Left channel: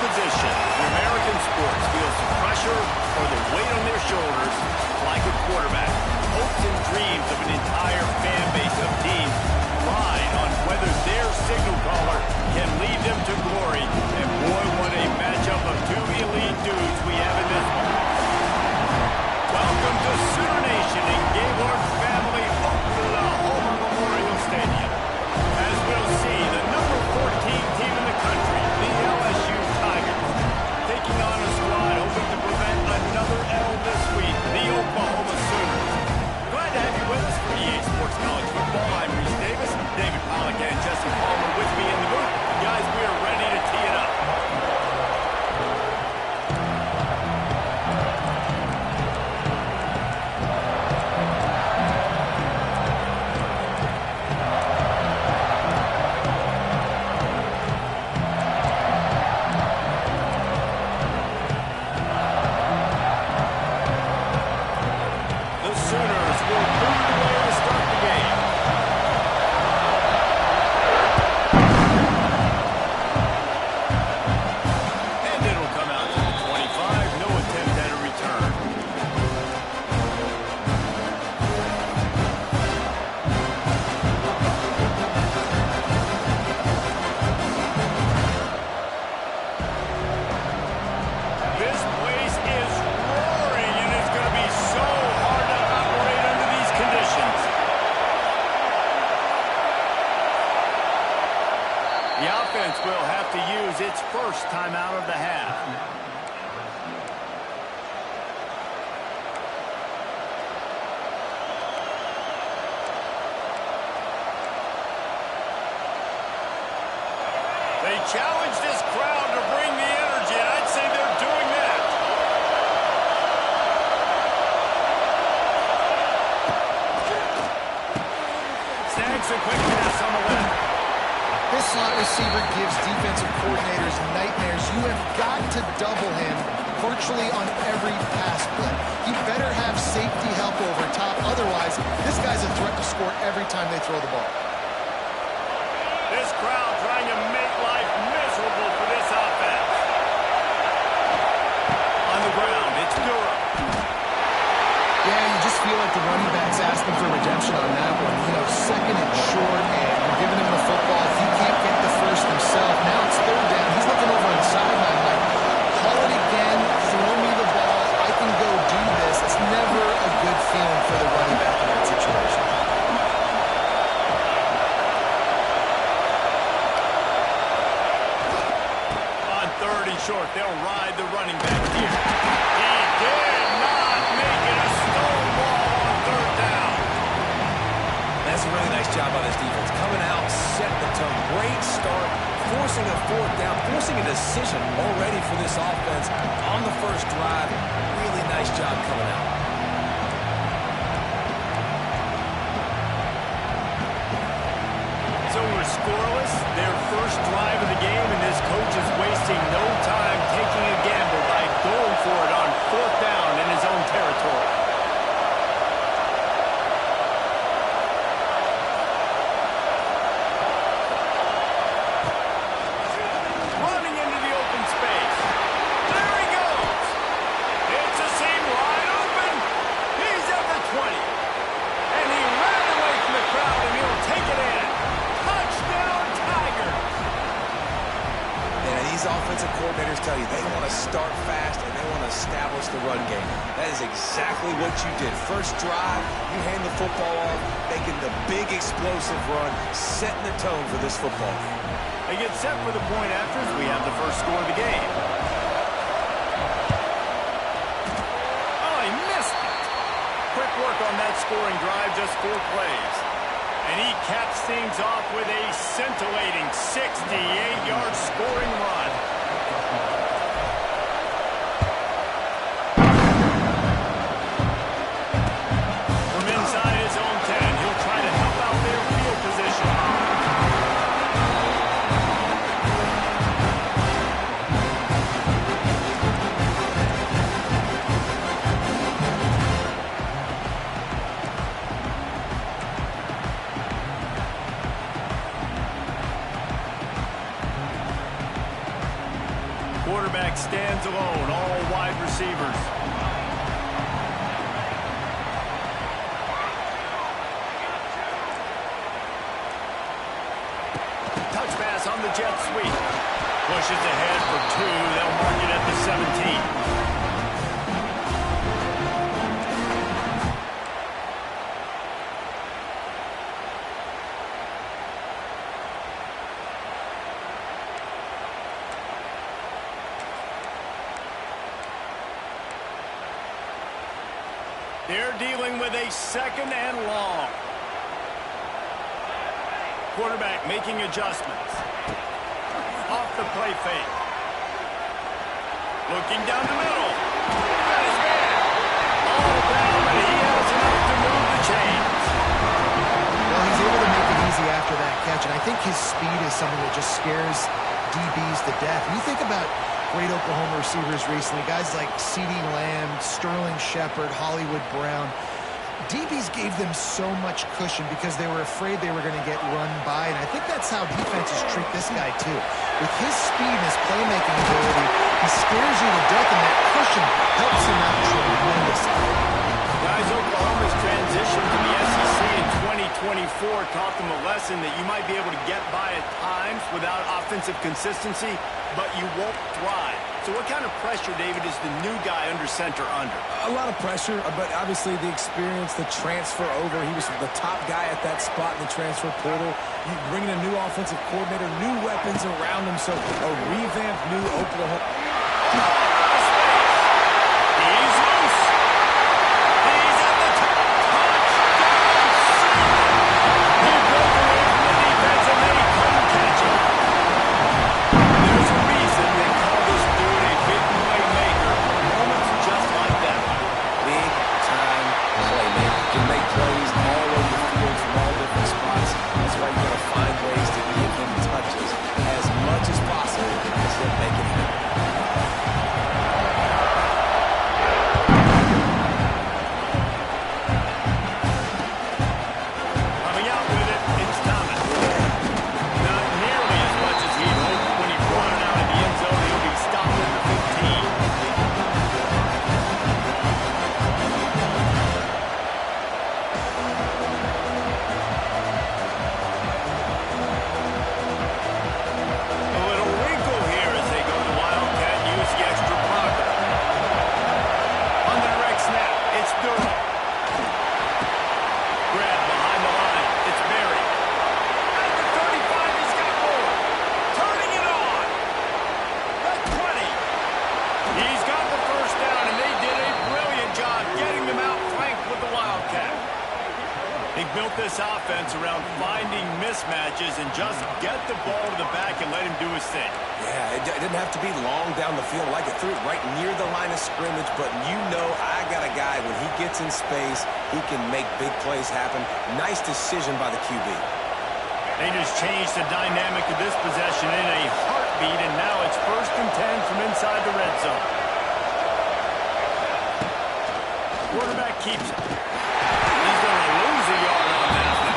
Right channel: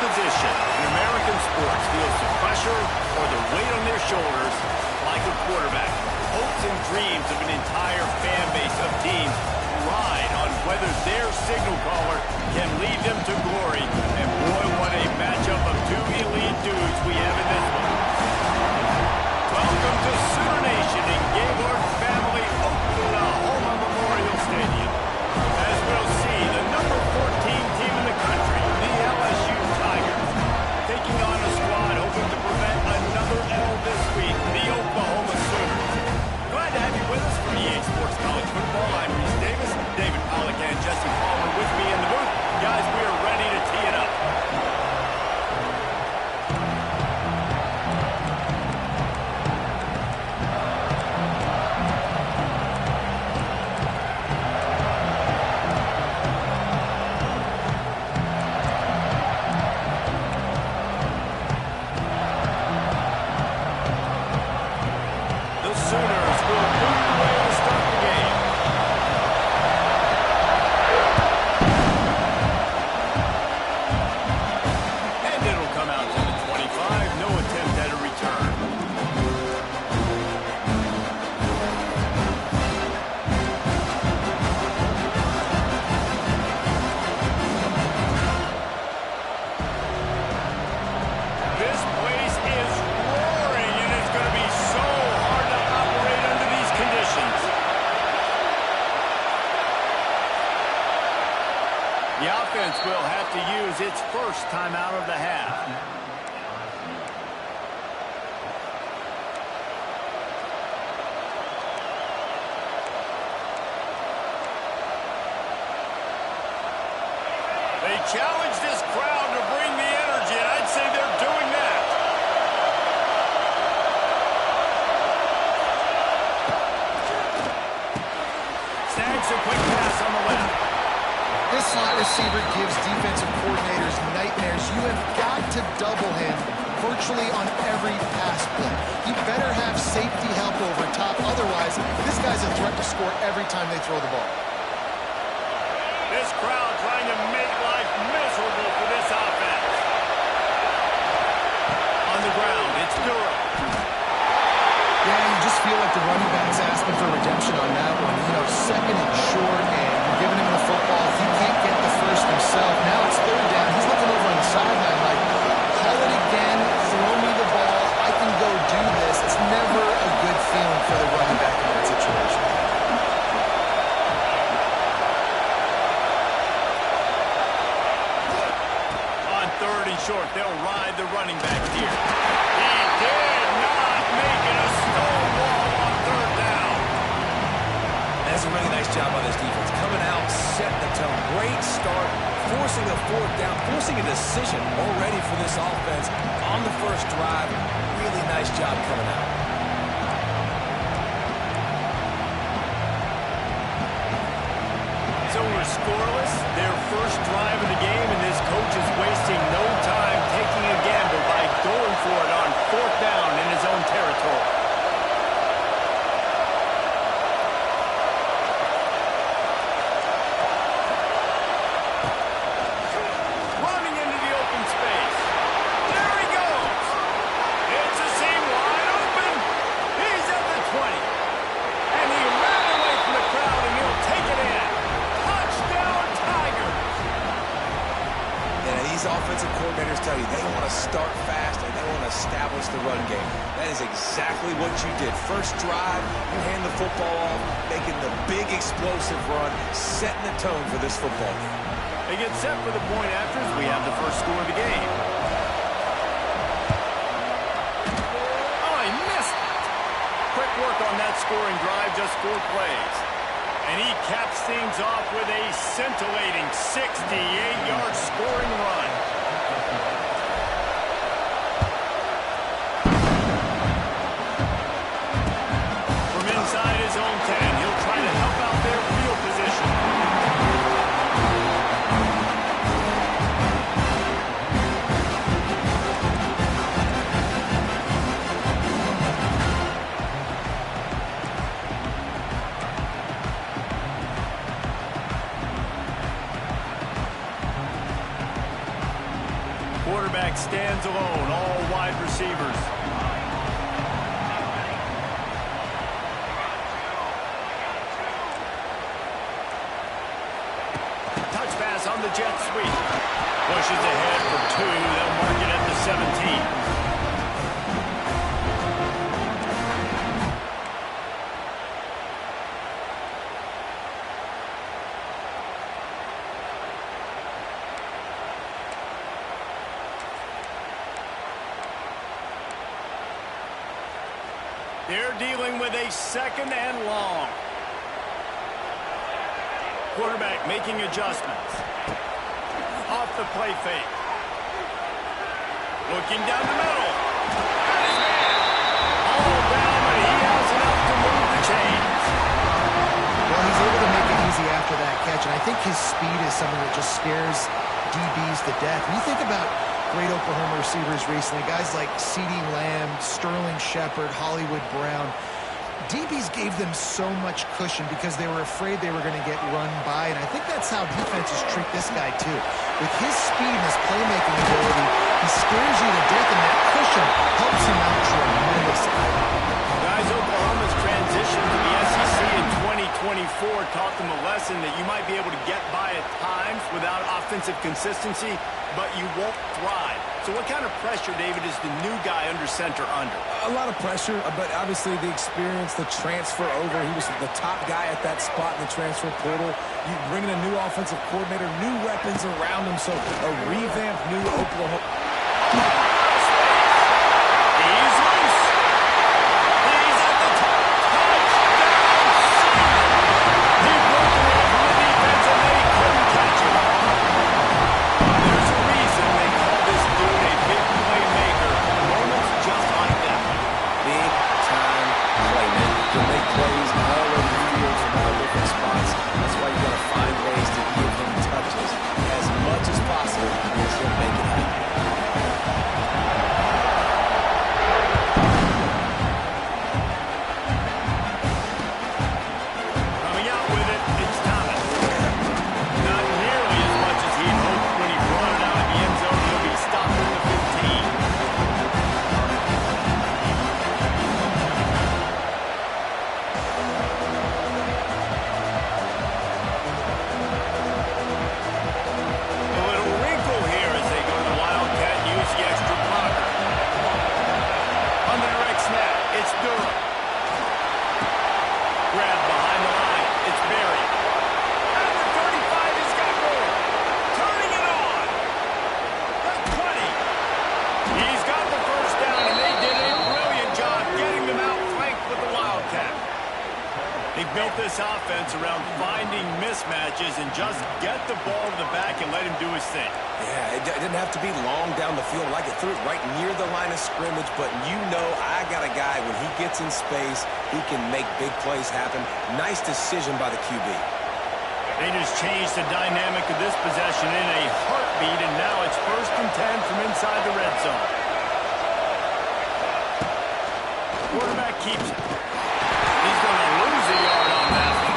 position in American sports feels the pressure or the weight on their shoulders like a quarterback. Hopes and dreams of an entire fan base of teams ride on whether their signal caller can lead them to glory. And boy, what a matchup of two elite dudes we have in this one. Welcome to Sooner Nation in Gaylord Family Oklahoma Memorial Stadium. As we'll see, the number 14 team in the country, the LSU Tigers, taking on a squad hoping to prevent another L this week, the Oklahoma Sooners. Glad to have you with us for EA Sports College Football. I'm Reese Davis, David Pollack and Jesse Palmer with me in the booth. Guys, we are ready to tee it up. The offense will have to use its first timeout of the half. They challenge this crowd to bring the energy, and I'd say they're doing that. Snags a quick pass on the left. This slot receiver gives defensive coordinators nightmares. You have got to double him virtually on every pass play. He better have safety help over top. Otherwise, this guy's a threat to score every time they throw the ball. This crowd trying to make life miserable for this offense. On the ground, it's Durham. Yeah, you just feel like the running back's asking for redemption on that one. You know, second and short, and you're giving him the football. If he can't get the first himself, now it's third down. He's looking over on the sideline like, call it again, throw me the ball, I can go do this. It's never a good feeling for the running back in that situation. On third and short, they'll ride the running back here. He did not make it a stone wall on third down. That's a really nice job by this defense. Coming out, setting the tone. Great start, forcing a fourth down, forcing a decision already for this offense on the first drive. Really nice job coming out. So we're scoreless, their first drive of the game, and this coach is wasting no time taking a gamble by going for it on fourth down in his own territory. Running into the open space. There he goes. It's a seam wide open. He's at the 20. And he ran away from the crowd, and he'll take it in. Touchdown, Tigers! And these offensive coordinators tell you they want to start fast and they want to establish the run game. That is exactly what you did. First drive, you hand the football off, making the big explosive run, setting the tone for this football game. They get set for the point after as we have the first score of the game. Oh, he missed it. Quick work on that scoring drive, just 4 plays. And he caps things off with a scintillating 68-yard scoring run. From inside his own 10, he'll try to help out their field position. quarterback stands alone, all wide receivers. Touch pass on the jet sweep. Pushes ahead for 2. They'll mark it at the 17. They're dealing with a 2nd and long. Quarterback making adjustments. Off the play fake. Looking down the middle. Got his man. All down, but he has enough to move the chains. Well, he's able to make it easy after that catch, and I think his speed is something that just scares DBs to death. When you think about great Oklahoma receivers recently, guys like CeeDee Lamb, Sterling Shepard, Hollywood Brown, DBs gave them so much cushion because they were afraid they were going to get run by, and I think that's how defenses treat this guy too. With his speed and his playmaking ability, he scares you to death, and that cushion helps him out tremendously. Guys, Oklahoma's transition to the SEC in 2024 taught them a lesson that you might be able to get by at times without offensive consistency, but you won't thrive. So what kind of pressure, David, is the new guy under center under? A lot of pressure, but obviously the experience, the transfer over. He was the top guy at that spot in the transfer portal. You bring in a new offensive coordinator, new weapons around him, so a revamped new Oklahoma. He's loose. He's at the touchdown ceiling. He broke away from the defense and they couldn't catch him. There's a reason they call this dude a big playmaker. Moments just like that one. Big time playmaker. Can make plays all over the field from all different spots. That's why you got to find ways to give him touches as much as possible as he'll make it happen. He built this offense around finding mismatches and just get the ball to the back and let him do his thing. Yeah, it didn't have to be long down the field. Like it threw it right near the line of scrimmage, but you know I got a guy, when he gets in space, he can make big plays happen. Nice decision by the QB. They just changed the dynamic of this possession in a heartbeat, and now it's 1st and 10 from inside the red zone. Quarterback keeps it. He's going to lose a yard on that one.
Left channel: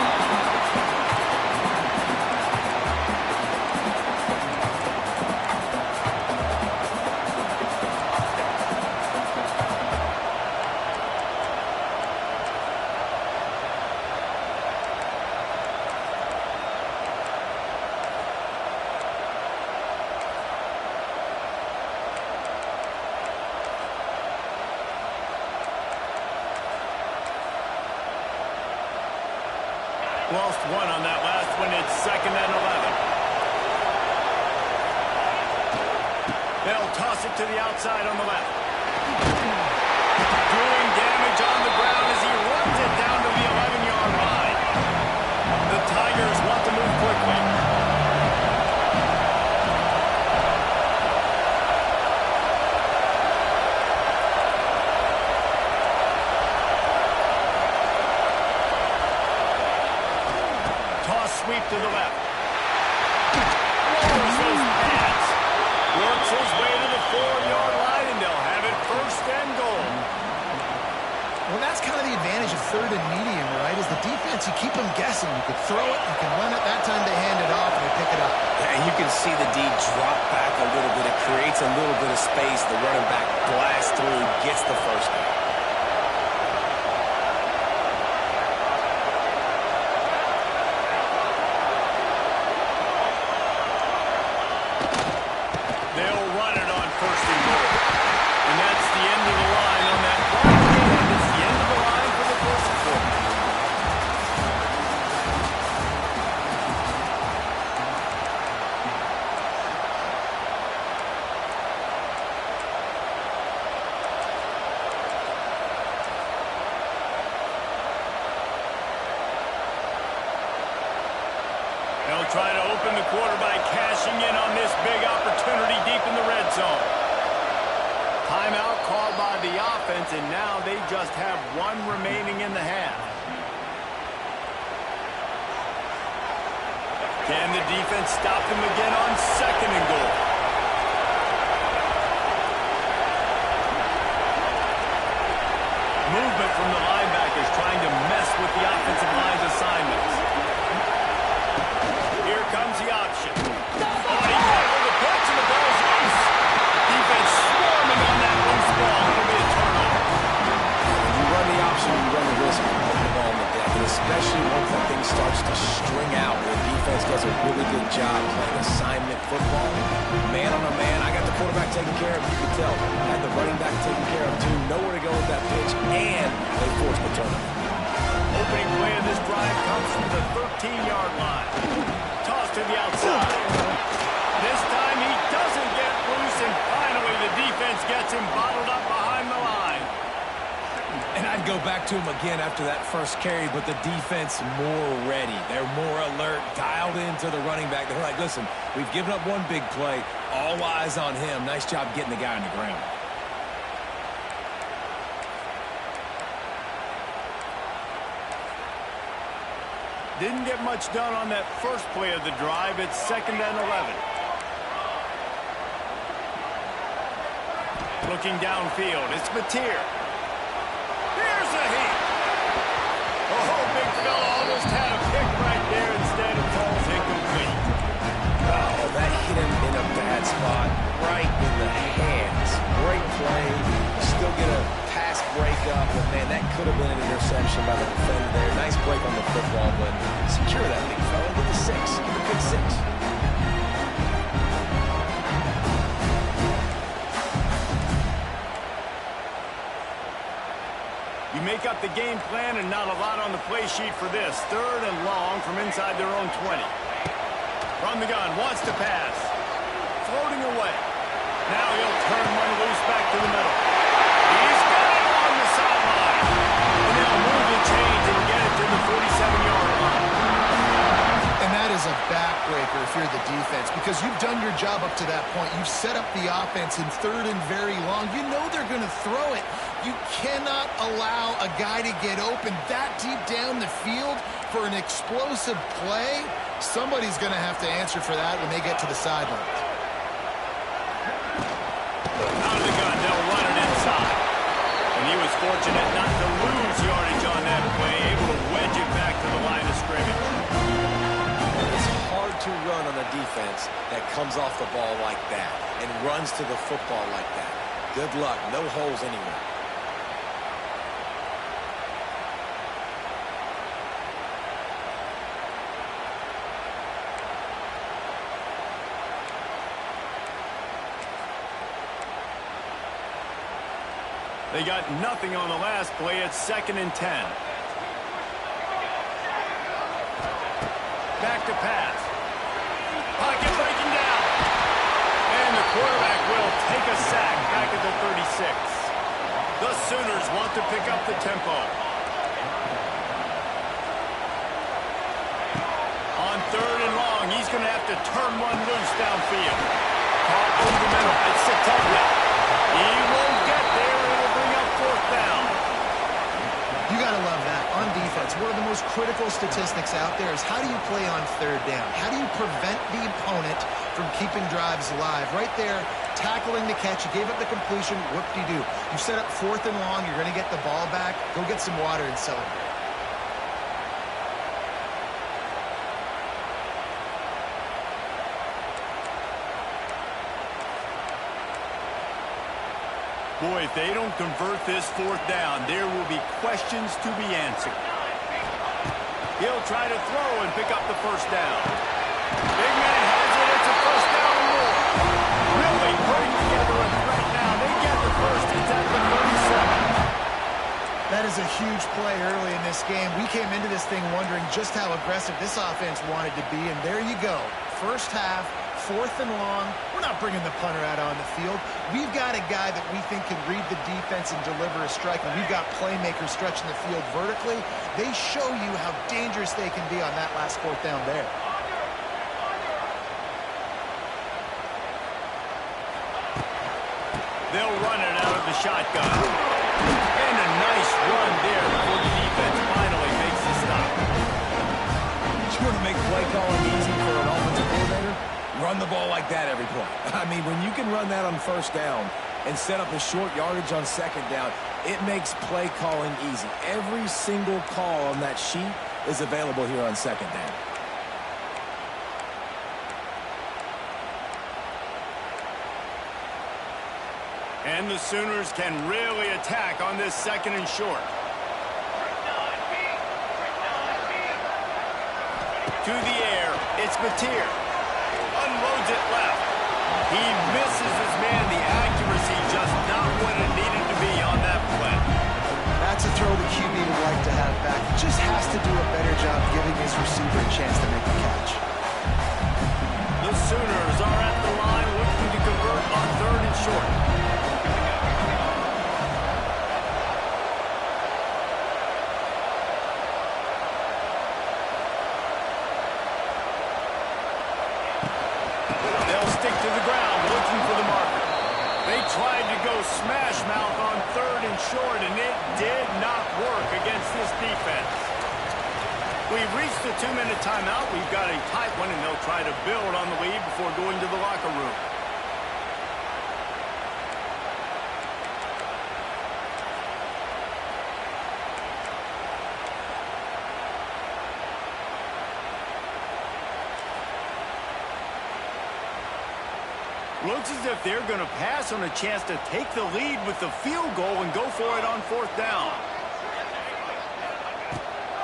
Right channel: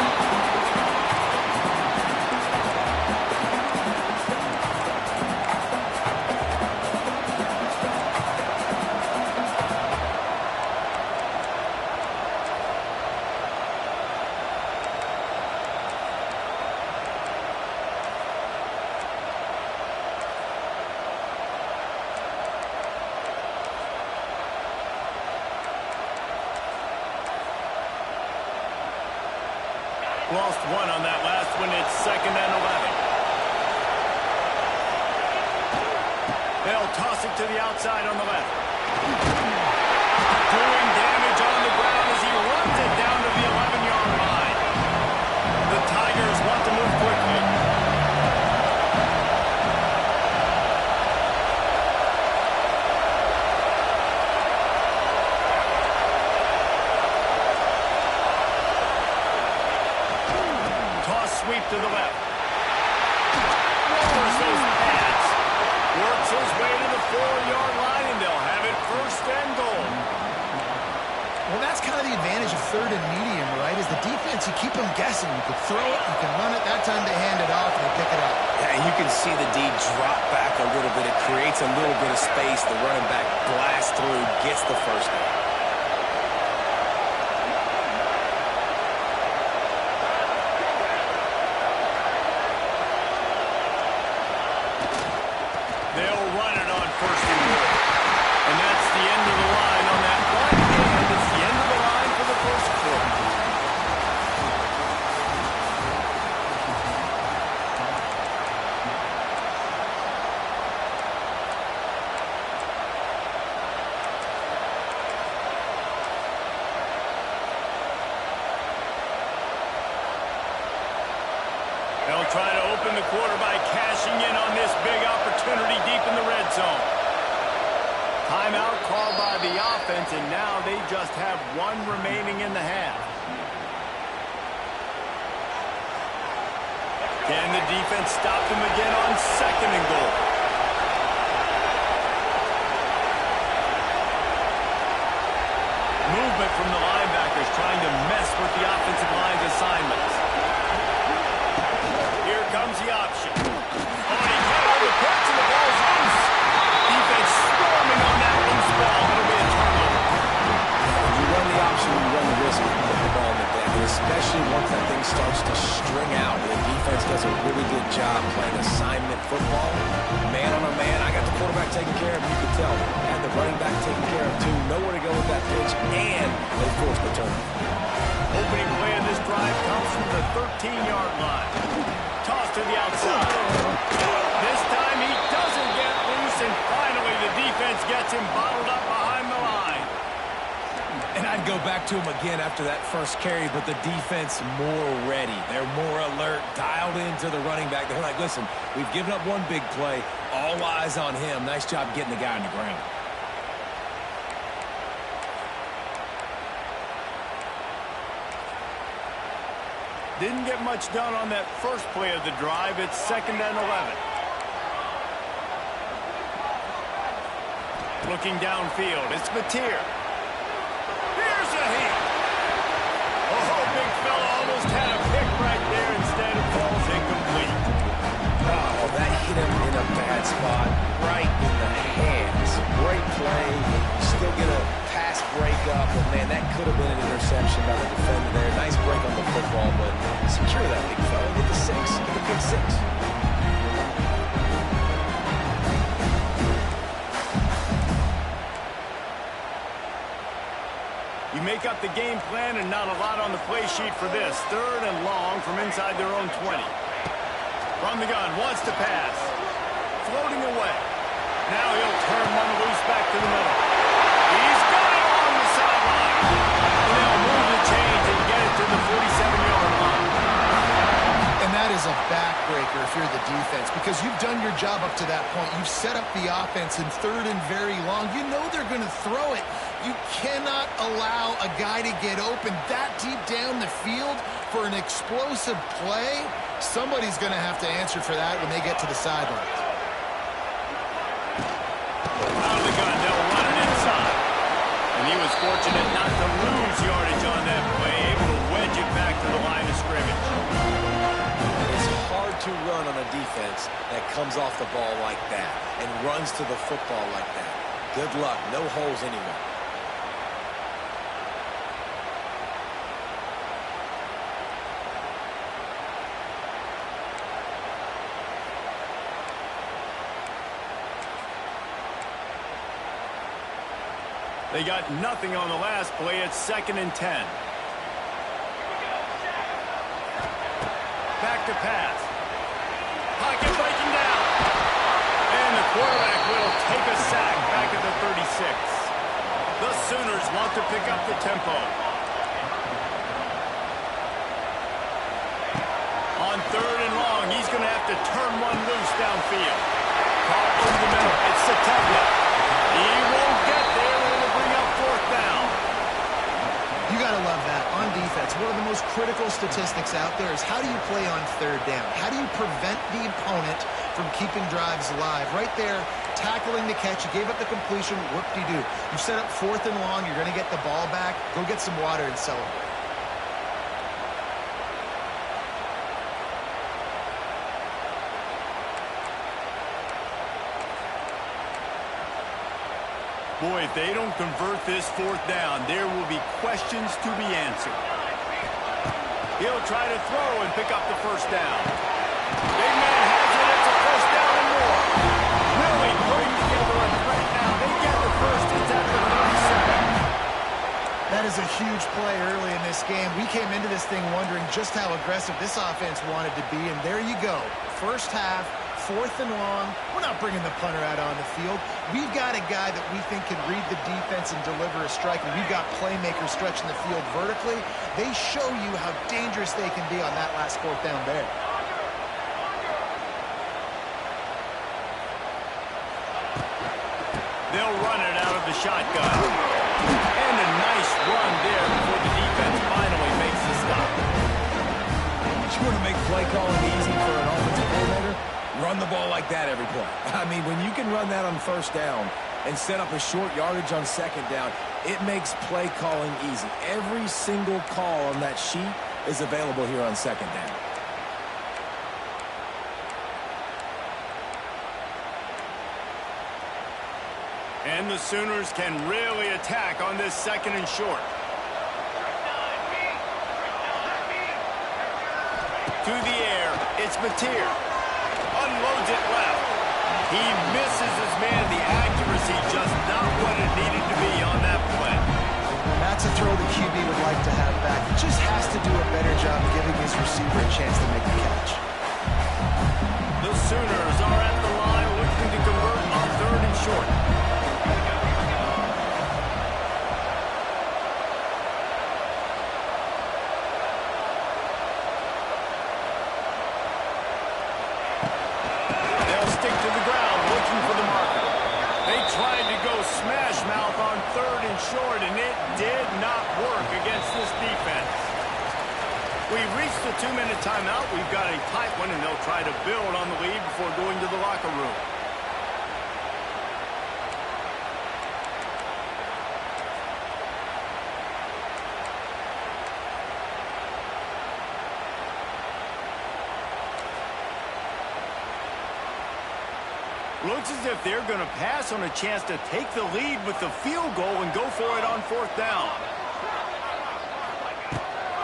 Lost one on that last one. It's 2nd and 11. They'll toss it to the outside on the left. Doing damage on the ground as he runs it down to the 11-yard line. The Tigers want to move quickly. Sweep to the left. Lowers those pads. Works his way to the 4-yard line, and they'll have it 1st and goal. Well, that's kind of the advantage of third and medium, right? Is the defense, you keep them guessing. You can throw it, you can run it. That time they hand it off and they pick it up. Yeah, you can see the D drop back a little bit. It creates a little bit of space. The running back blasts through, gets the first down. They'll run it on first and goal. And that's the end of the line on that one hand. It's the end of the line for the first quarter. They'll try to open the quarter by cashing in on this big opportunity deep in the red zone. Timeout called by the offense, and now they just have one remaining in the half. Can the defense stop them again on second and goal? Movement from the linebackers trying to mess with the offensive line's assignments. Here comes the option. Oh, he can't hold the pitch, and the ball's loose. Defense swarming on that loose ball. It'll be a turnover. When you run the option, you run the risk of putting the ball on the deck, and especially once that thing starts to string out. The defense does a really good job playing assignment football. Man on a man, I got the quarterback taken care of. You could tell. Had the running back taken care of, too. Nowhere to go with that pitch, and they forced the turnover. Opening play of this drive comes from the 13-yard line. Toss to the outside. This time he doesn't get loose, and finally the defense gets him bottled up behind the line. And I'd go back to him again after that first carry, but the defense more ready. They're more alert, dialed into the running back. They're like, listen, we've given up one big play. All eyes on him. Nice job getting the guy on the ground. Didn't get much done on that first play of the drive. It's 2nd and 11. Looking downfield, it's Mateer. Here's a heat. Oh, big fella almost had a pick right there. Instead, it falls incomplete. Oh, that hit him in a bad spot, right in the hands. Great play. You still get a pass breakup, but man, that could have been an interception by the defender there. Nice break on the football, but secure that big fella. Get the 6. Get the pick 6. You make up the game plan and not a lot on the play sheet for this. 3rd and long from inside their own 20. From the gun, wants to pass. Floating away. Now he'll turn one loose back to the middle. He's got it along the sideline. And they'll move the chains and get it to the 47-yard line. And that is a backbreaker if you're the defense, because you've done your job up to that point. You've set up the offense in 3rd and very long. You know they're going to throw it. You cannot allow a guy to get open that deep down the field for an explosive play. Somebody's going to have to answer for that when they get to the sidelines. Out of the gun, they'll run it inside. And he was fortunate not to lose yardage on that play, able to wedge it back to the line of scrimmage. It's hard to run on a defense that comes off the ball like that and runs to the football like that. Good luck. No holes anywhere. They got nothing on the last play. It's 2nd and 10. Back to pass. Pocket breaking down. And the quarterback will take a sack back at the 36. The Sooners want to pick up the tempo. On 3rd and long, he's going to have to turn one loose downfield. Caught over the middle. It's Sategna. He won't get there. It'll bring up 4th down. You got to love that. On defense, one of the most critical statistics out there is how do you play on third down? How do you prevent the opponent from keeping drives alive? Right there, tackling the catch. You gave up the completion. Whoop-de-doo. You set up 4th and long. You're going to get the ball back. Go get some water and celebrate. Boy, if they don't convert this 4th down, there will be questions to be answered. He'll try to throw and pick up the 1st down. Big man has it. It's a 1st down and more. Really putting together a threat now. They get the 1st. It's at the 37. That is a huge play early in this game. We came into this thing wondering just how aggressive this offense wanted to be, and there you go. First half, 4th and long. We're not bringing the punter out on the field. We've got a guy that we think can read the defense and deliver a strike, and we've got playmakers stretching the field vertically. They show you how dangerous they can be on that last 4th down there. They'll run it out of the shotgun. And a nice run there before the defense finally makes the stop. You want to make play calling easy for an offensive coordinator? Run the ball like that every play. I mean, when you can run that on 1st down and set up a short yardage on 2nd down, it makes play calling easy. Every single call on that sheet is available here on 2nd down. And the Sooners can really attack on this 2nd and short. To the air, it's Mateer. Unloads it left. He misses his man. The accuracy just not what it needed to be on that play. That's a throw the QB would like to have back. He just has to do a better job giving his receiver a chance to make the catch. The Sooners are at the line looking to convert on 3rd and short. Stick to the ground, looking for the marker. They tried to go smash mouth on 3rd and short, and it did not work against this defense. We've reached the 2-minute timeout. We've got a tight one, and they'll try to build on the lead before going to the locker room. Looks as if they're going to pass on a chance to take the lead with the field goal and go for it on 4th down.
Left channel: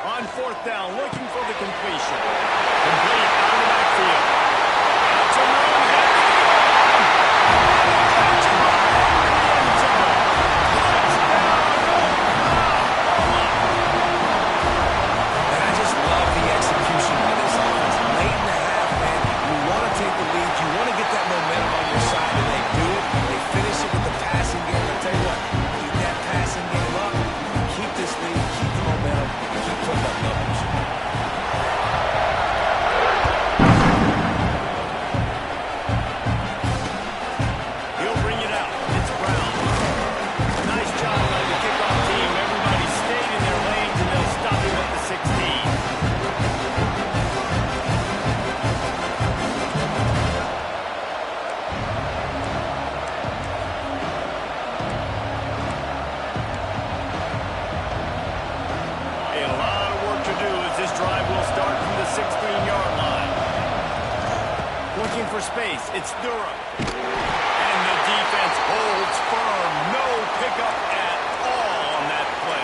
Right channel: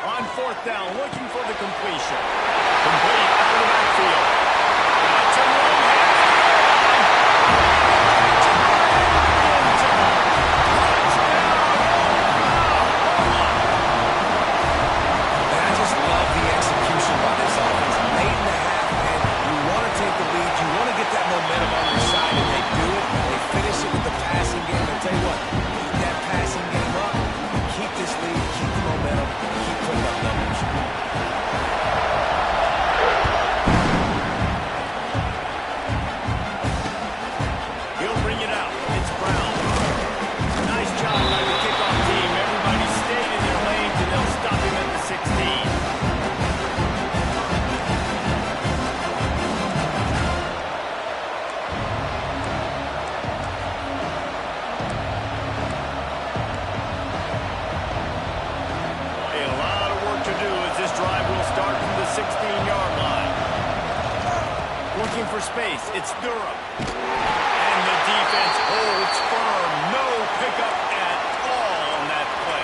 On 4th down, looking for the completion. Complete out of the backfield. Got some room here. Catch it right into the end zone. Touchdown, Oklahoma. And I just love the execution by this offense. Late in the half, man, you want to take the lead. You want to get that momentum on your side, and they do it. They finish it with the passing game. I'll tell you what, keep that passing game up, and keep this lead, keep the momentum, and keep putting up numbers. He'll bring it out. It's Brown. Nice job by the kickoff team. Everybody stayed in their lanes, and they'll stop him at the 16. This drive will start from the 16-yard line. Looking for space. It's Durham. And the defense holds firm. No pickup at all on that play.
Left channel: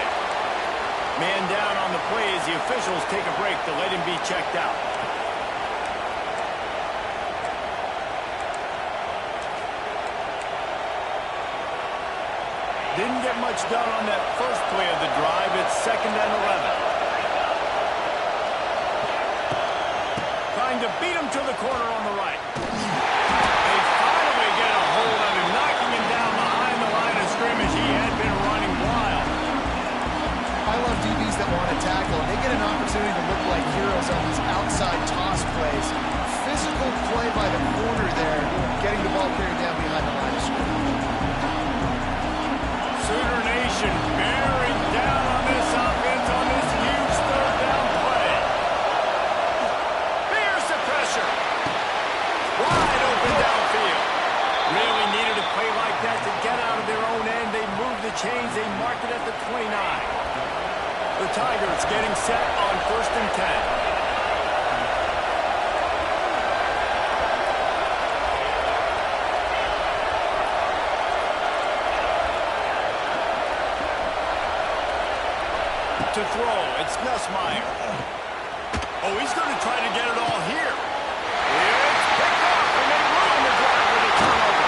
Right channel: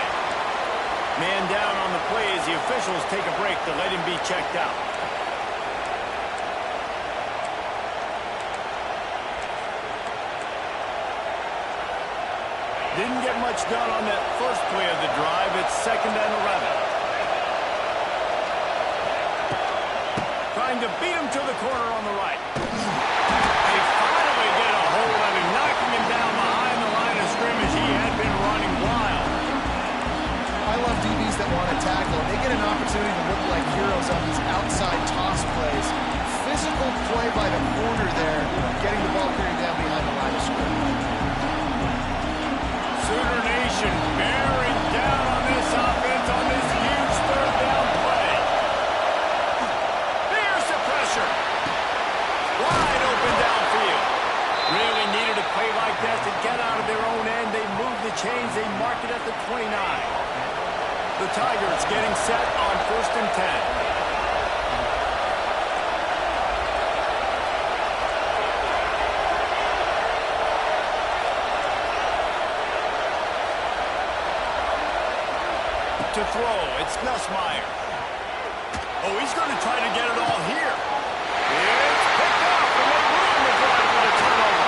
Man down on the play as the officials take a break to let him be checked out. Didn't get much done on that first play of the drive. It's 2nd and 11. Trying to beat him to the corner on the right. They finally get a hold of him, knocking him down behind the line of scrimmage. He had been running wild. I love DBs that want to tackle. They get an opportunity to look like heroes on these outside toss plays. Physical play by the corner there, getting the ball carried down behind the line of scrimmage. Sooner Nation bearing down on this offense. pressure. Wide open downfield. Really needed a play like that to get out of their own end. They move the chains. They mark it at the 29. The Tigers getting set on 1st and 10. To throw, it's Smiley. Oh, he's going to try to get it all here. It's picked off, and they ruin the drive with a turnover.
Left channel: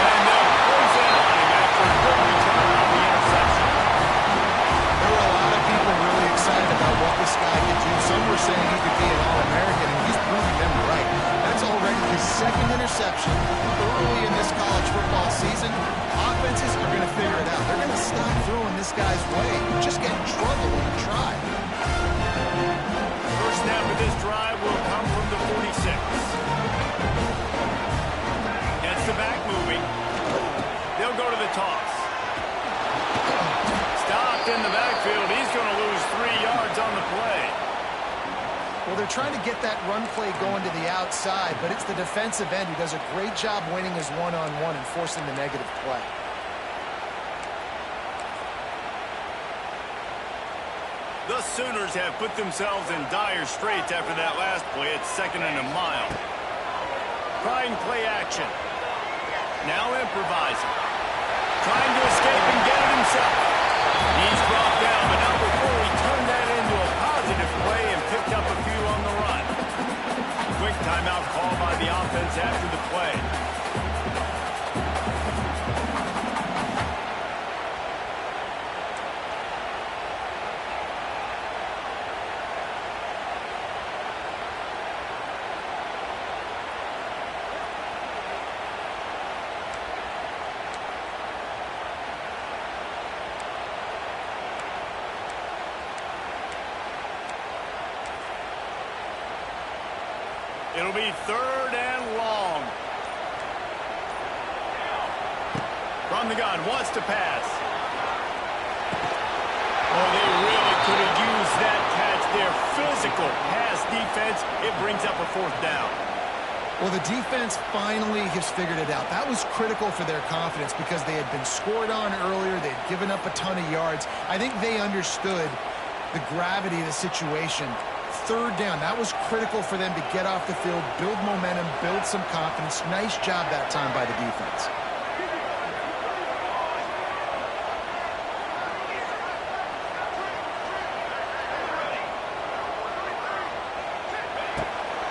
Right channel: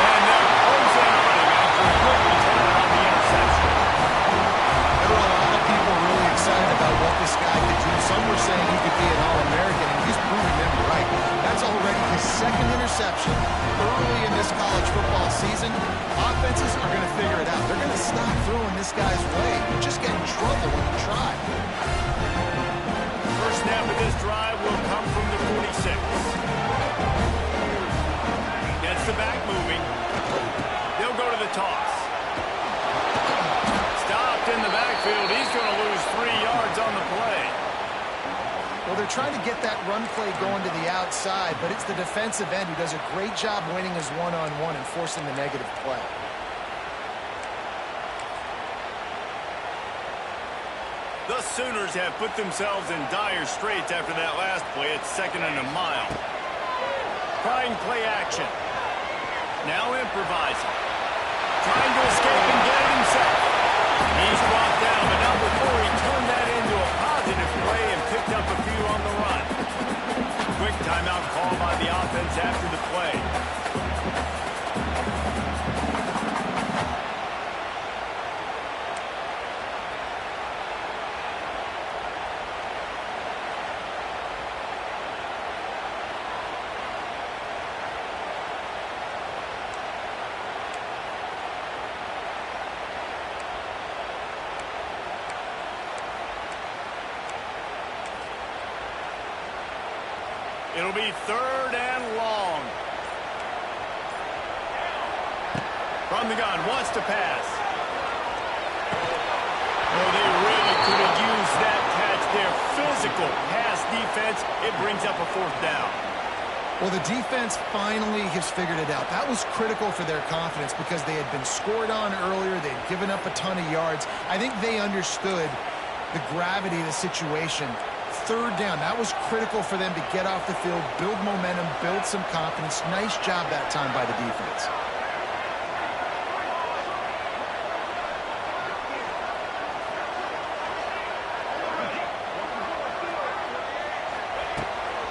And they'll close in on him after a good return on the interception. There were a lot of people really excited about what this guy could do. Some were saying he could be an All-American, and he's proving them right. That's already his 2nd interception early in this college football season. Offenses are going to figure it out. They're going to stop throwing this guy's way. He'll just get in trouble when he tries. First snap of this drive will come from the 46. Gets the back moving. They'll go to the toss. Stopped in the backfield. He's going to lose 3 yards on the play. Well, they're trying to get that run play going to the outside, but it's the defensive end who does a great job winning his one-on-one and forcing the negative play. The Sooners have put themselves in dire straits after that last play. It's 2nd and a mile. Trying play action. Now improvising. Trying to escape and get it himself. He's brought down, but not before he turned that into a positive play and picked up a few on the run. Quick timeout call by the offense after the play. It'll be 3rd and long. From the gun, wants to pass. Oh, they really could have used that catch there. Physical pass defense. It brings up a 4th down. Well, the defense finally has figured it out. That was critical for their confidence because they had been scored on earlier. They had given up a ton of yards. I think they understood the gravity of the situation. 3rd down, that was critical for them to get off the field, build momentum, build some confidence. Nice job that time by the defense.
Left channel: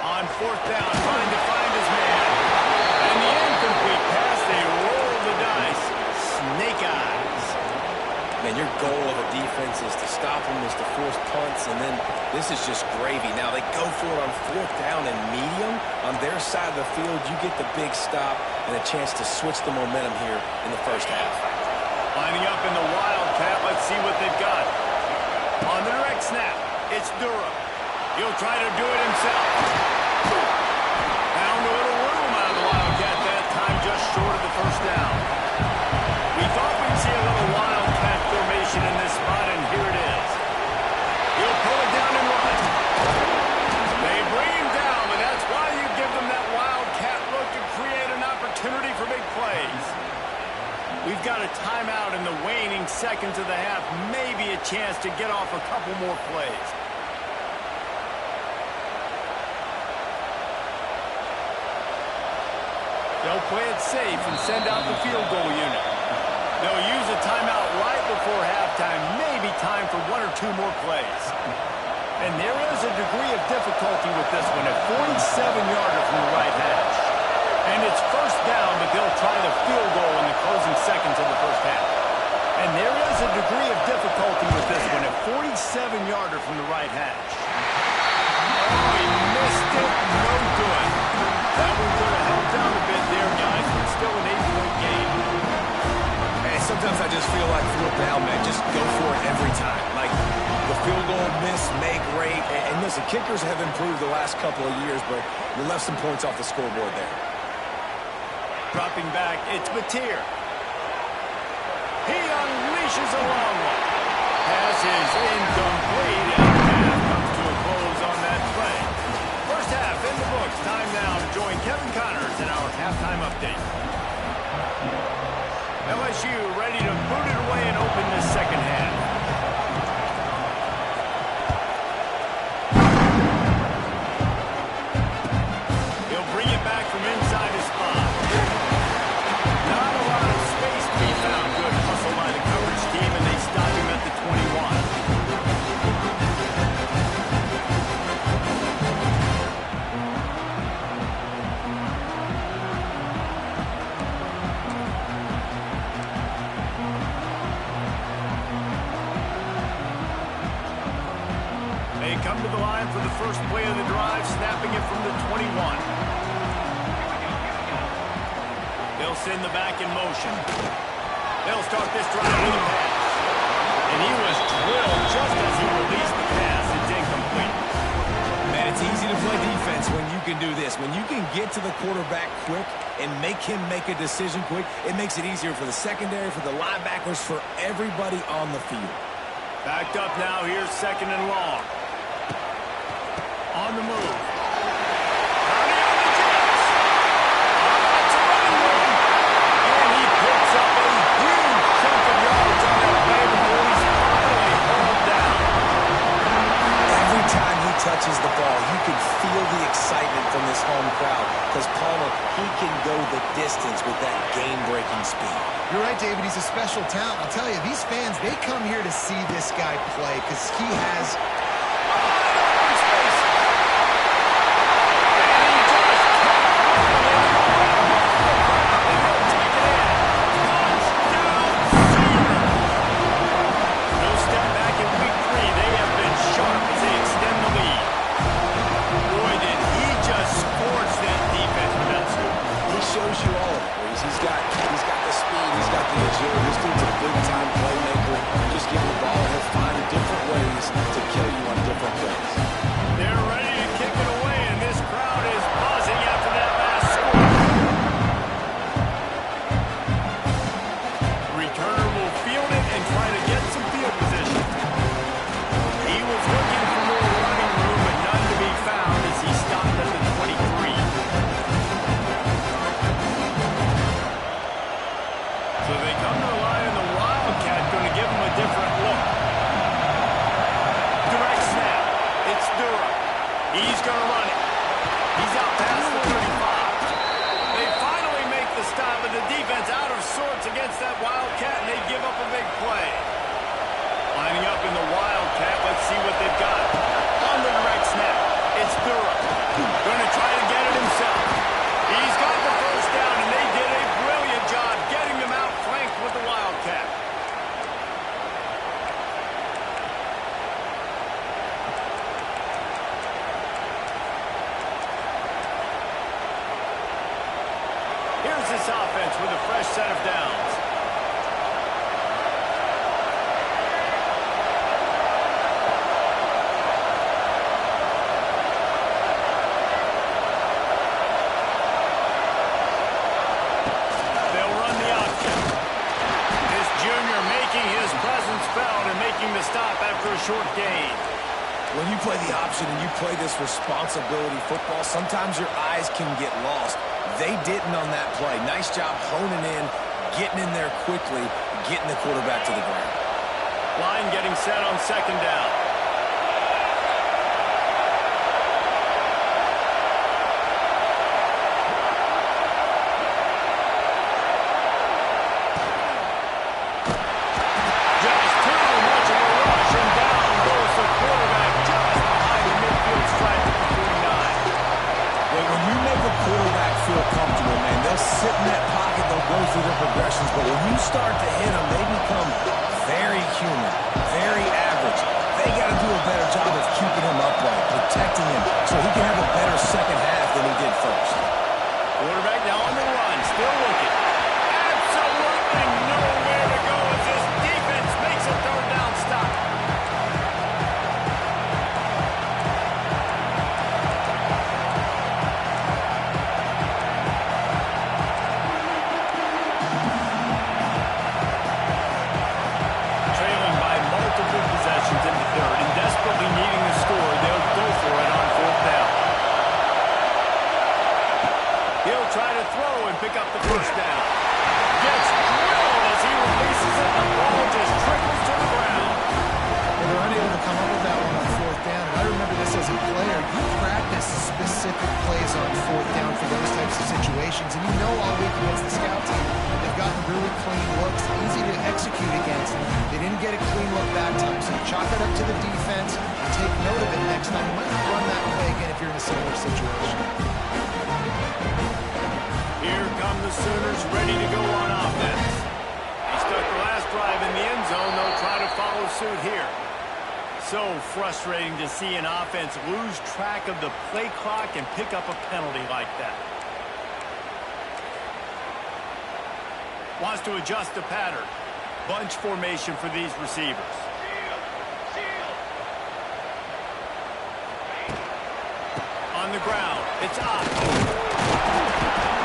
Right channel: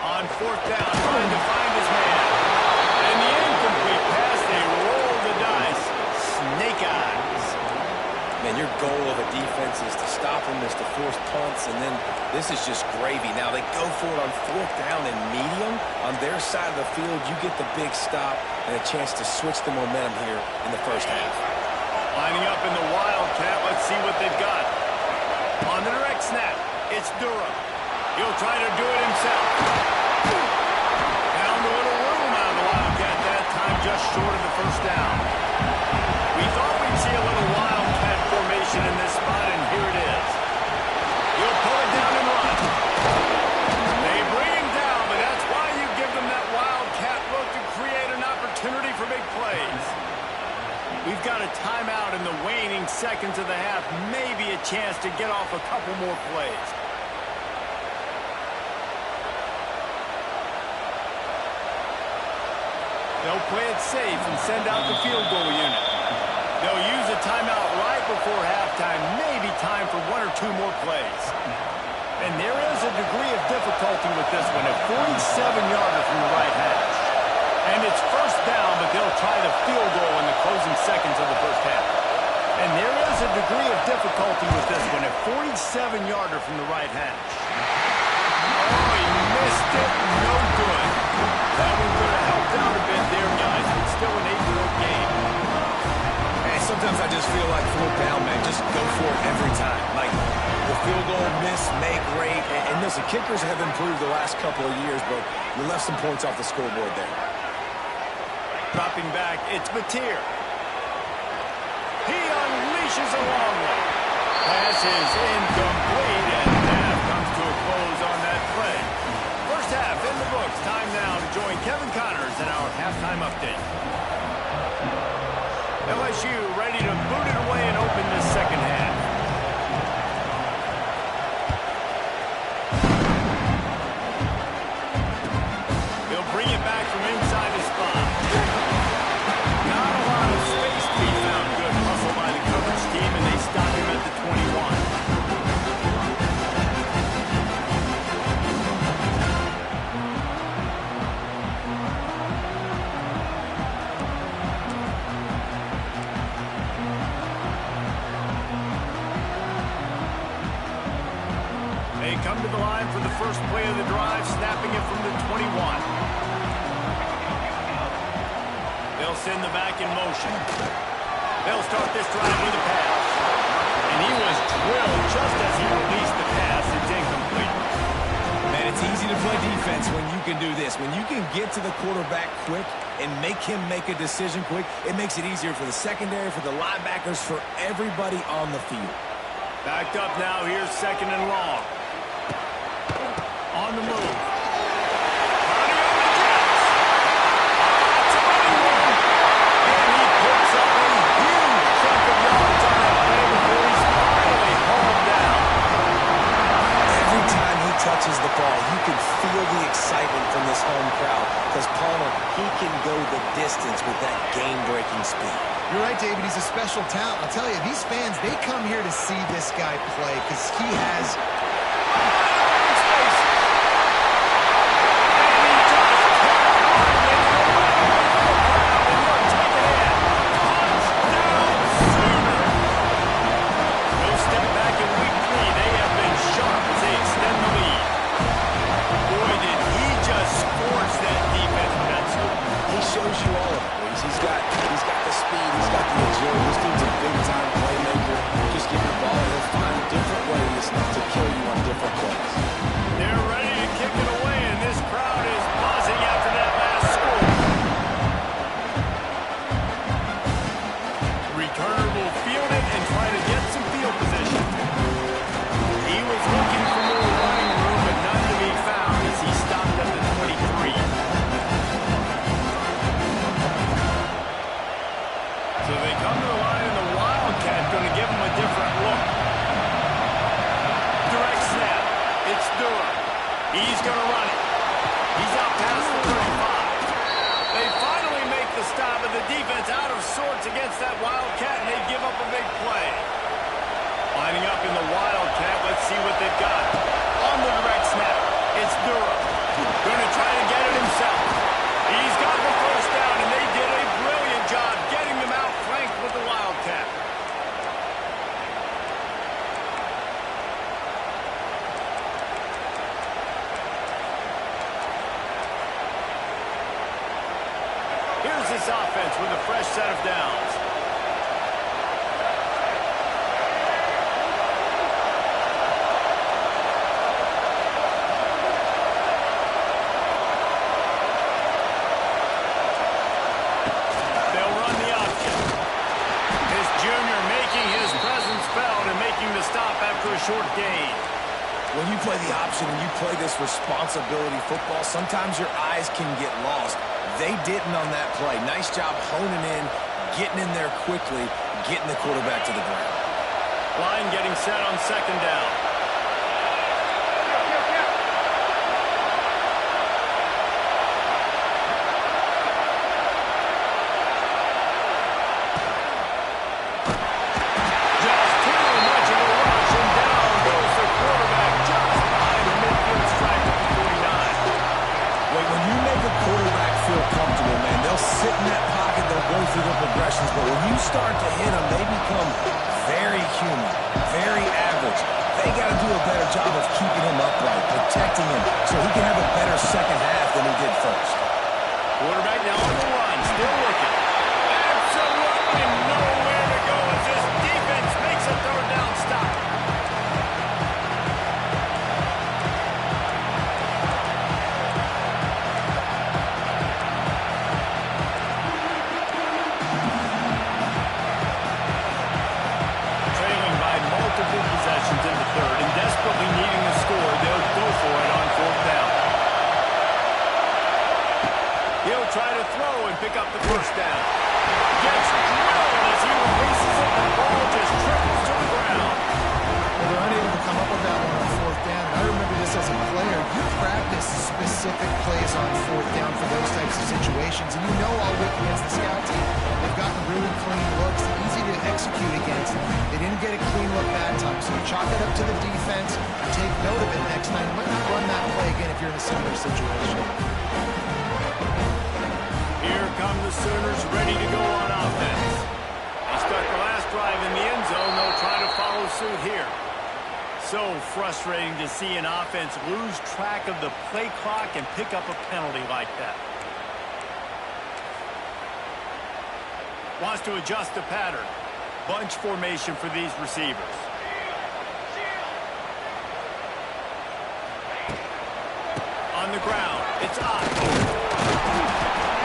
On 4th down, trying to find his man. And the incomplete pass, they roll the dice. Snake eyes. Man, your goal of a defense is to stop them, is to force punts, and then this is just gravy. Now, they go for it on 4th down and medium. On their side of the field, you get the big stop and a chance to switch the momentum here in the 1st half. Lining up in the Wildcat, let's see what they've got. On the direct snap, it's Durham. He'll try to do it himself. Found a little room out of the Wildcat that time, just short of the 1st down. We thought we'd see a little Wildcat formation in this spot, and here it is. He'll pull it down and run. They bring him down, but that's why you give them that Wildcat look to create an opportunity for big plays. We've got a timeout in the waning seconds of the half, maybe a chance to get off a couple more plays. They'll play it safe and send out the field goal unit. They'll use a timeout right before halftime, maybe time for 1 or 2 more plays. And there is a degree of difficulty with this one, a 47-yarder from the right hash. And it's 1st down, but they'll try the field goal in the closing seconds of the 1st half. And there is a degree of difficulty with this one, a 47-yarder from the right hash. Oh, he missed it, no good. That one could have helped out a bit there, guys, but still an 8-point game. Sometimes I just feel like 4th down, man, just go for it every time. Like the field goal, miss, make, rate. And listen, kickers have improved the last couple of years, but we left some points off the scoreboard there. Dropping back, it's Batir. He unleashes a long one. Pass is incomplete, and half comes to a close on that play. join Kevin Connors in our halftime update. LSU ready to boot it away and open this second half. He'll bring it back from inside his spot. Not a lot of space to be found. Good hustle by the coverage team, and they stop him at the 21. They come to the line for the first play of the drive, snapping it from the 21. They'll send the back in motion. They'll start this drive with a pass. And he was drilled just as he released the pass. It's incomplete. Man, it's easy to play defense when you can do this. When you can get to the quarterback quick and make him make a decision quick, it makes it easier for the secondary, for the linebackers, for everybody on the field. Backed up now. Here's second and long. On the move. Purdy on the Jets. It's a running room. And he picks up a huge chunk of yards on that play before he's finally hauled down. Every time he touches the ball, you can feel the excitement from this home crowd because Palmer, he can go the distance with that game-breaking speed. You're right, David. He's a special talent. I'll tell you, these fans, they come here to see this guy play because he has... Shows you all of it, Reese. He's got the speed, he's got the agility. This dude's a big-time playmaker. Just give him the ball, and he'll find different ways to kill you on different plays. They're ready to kick it away, and this crowd is buzzing after that last score. Returner will field it and try to get some field position. He was looking for more running room, but none to be found as he stopped at the 23. So they come to the line, and the Wildcat going to give him a different look. Direct snap. It's Durham. He's going to run it. He's out past the 35. They finally make the stop, but the defense out of sorts against that Wildcat, and they give up a big play. Lining up in the Wildcat, let's see what they've got. On the direct snap, it's Durham. Going to try to get it himself. He's got the first down, and they did a brilliant job getting them out flanked with the Wildcat. Here's this offense with a fresh set of downs. His presence felt and making the stop after a short gain. When you play the option and you play this responsibility football, sometimes your eyes can get lost. They didn't on that play. Nice job honing in, getting in there quickly, getting the quarterback to the ground. Line getting set on second down. Quarterback feel comfortable, man. They'll sit in that pocket, they'll go through their progressions, but when you start to hit them, they become very human, very average. They got to do a better job of keeping him upright, protecting him, so he can have a better second half than he did first. Quarterback now on the run, still looking. Absolutely nowhere to go as this defense makes a third down stop. Possessions in the third, and desperately needing a score, they'll go for it on fourth down. He'll try to throw and pick up the first down. Gets drilled as he releases it. The ball just trickles to the ground. Well, they're unable to come up with that one on fourth down. And I remember this as a player. You practice specific plays on fourth down for those types of situations. And you know all week against the scout team, they've gotten really clean looks, easy to execute against. They didn't get a clean look that time. So you chalk it up to the defense and take note of it next time. You might not run that play again if you're in a similar situation. Here come the Sooners ready to go on offense. They stuck the last drive in the end zone. They'll try to follow suit here. So frustrating to see an offense lose track of the play clock and pick up a penalty like that. Wants to adjust the pattern. Bunch formation for these receivers. On the ground, it's up.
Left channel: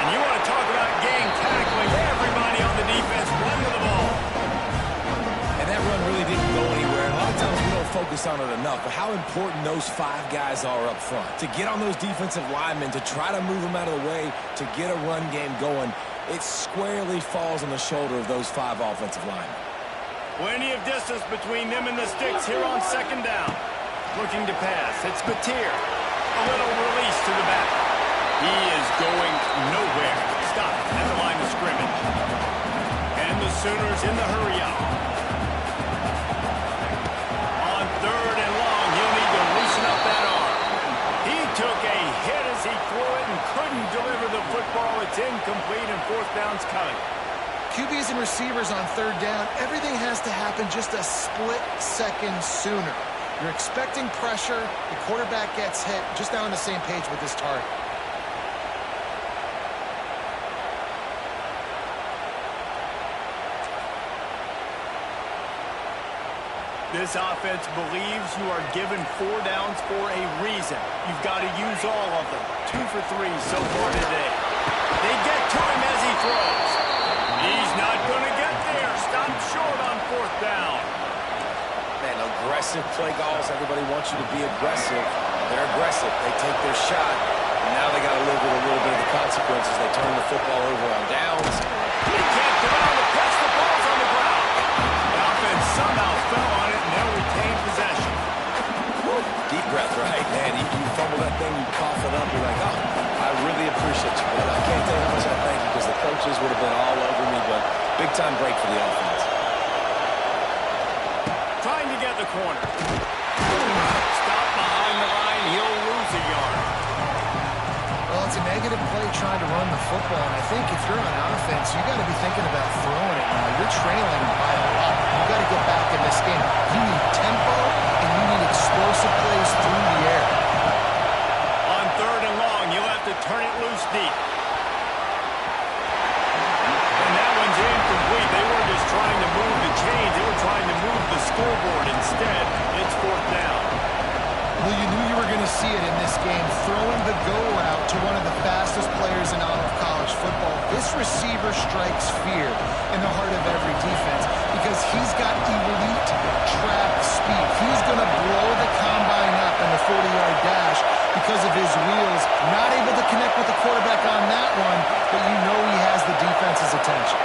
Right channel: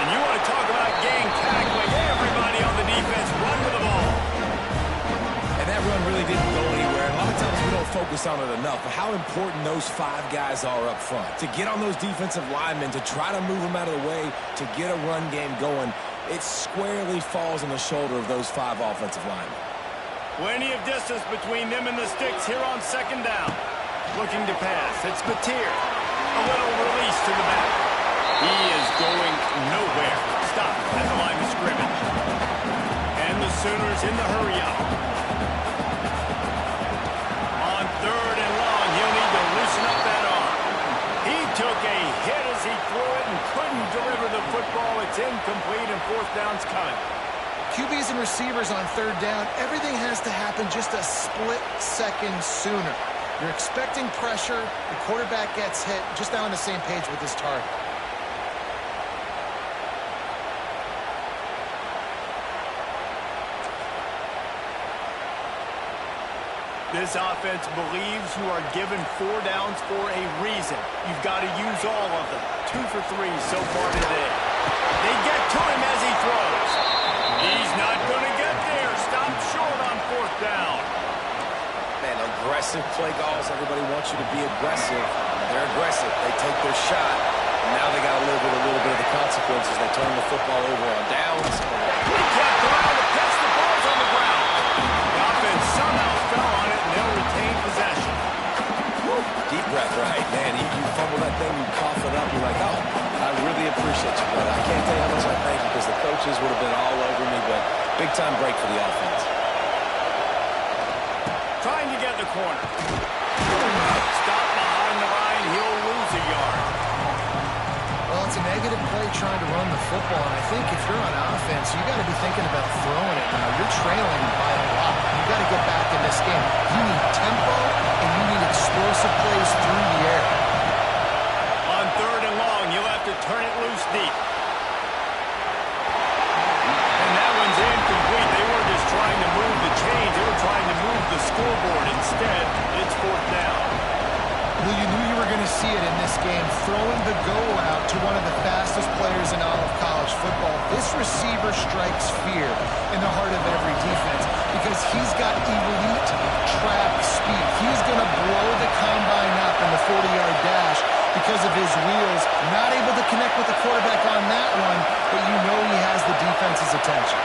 And you want to talk about gang tackling. Everybody on the defense run to the ball. And that run really didn't go anywhere. And a lot of times we don't focus on it enough, but how important those 5 guys are up front. To get on those defensive linemen, to try to move them out of the way, to get a run game going, it squarely falls on the shoulder of those 5 offensive linemen. Plenty of distance between them and the sticks here on second down. Looking to pass. It's Batir. A little release to the back. He is going nowhere. Stopped at the line of scrimmage. And the Sooners in the hurry-up. On third and long, he'll need to loosen up that arm. He took a hit as he threw it and couldn't deliver the football. It's incomplete and fourth down's coming. QBs and receivers on third down, everything has to happen just a split second sooner. You're expecting pressure, the quarterback gets hit, just now on the same page with this target. This offense believes you are given 4 downs for a reason. You've got to use all of them. 2 for 3 so far today. They get to him as he throws. He's not going to get there. Stopped short on fourth down. Man, aggressive play calls. Everybody wants you to be aggressive. They're aggressive. They take their shot. And now they got to live with a little bit of the consequences. They turn the football over on downs. He can't throw out the pitch. The ball's on the ground. The offense somehow fell on it, and they'll retain possession. Woo. Deep breath, right? Man, you fumble that thing, you cough it up. You're like, oh, I really appreciate you, brother. I can't tell you how much I thank you because the coaches would have been all over me, but big-time break for the offense. Trying to get the corner. Stop behind the line. He'll lose a yard. Well, it's a negative play trying to run the football, and I think if you're on offense, you got to be thinking about throwing it now. You're trailing by a lot. You got to get back in this game. You need tempo, and you need explosive plays through the air. On third and long, you'll have to turn it loose deep. And that one's incomplete. They weren't just trying to move the chains. They were trying to move the scoreboard. Instead, it's fourth down. Well, you knew you were going to see it in this game, throwing the go route to one of the fastest players in all of college football. This receiver strikes fear in the heart of every defense because he's got elite track speed. He's going to blow the combine up in the 40-yard dash because of his wheels. Not able to connect with the quarterback on that one, but you know he has the defense's attention.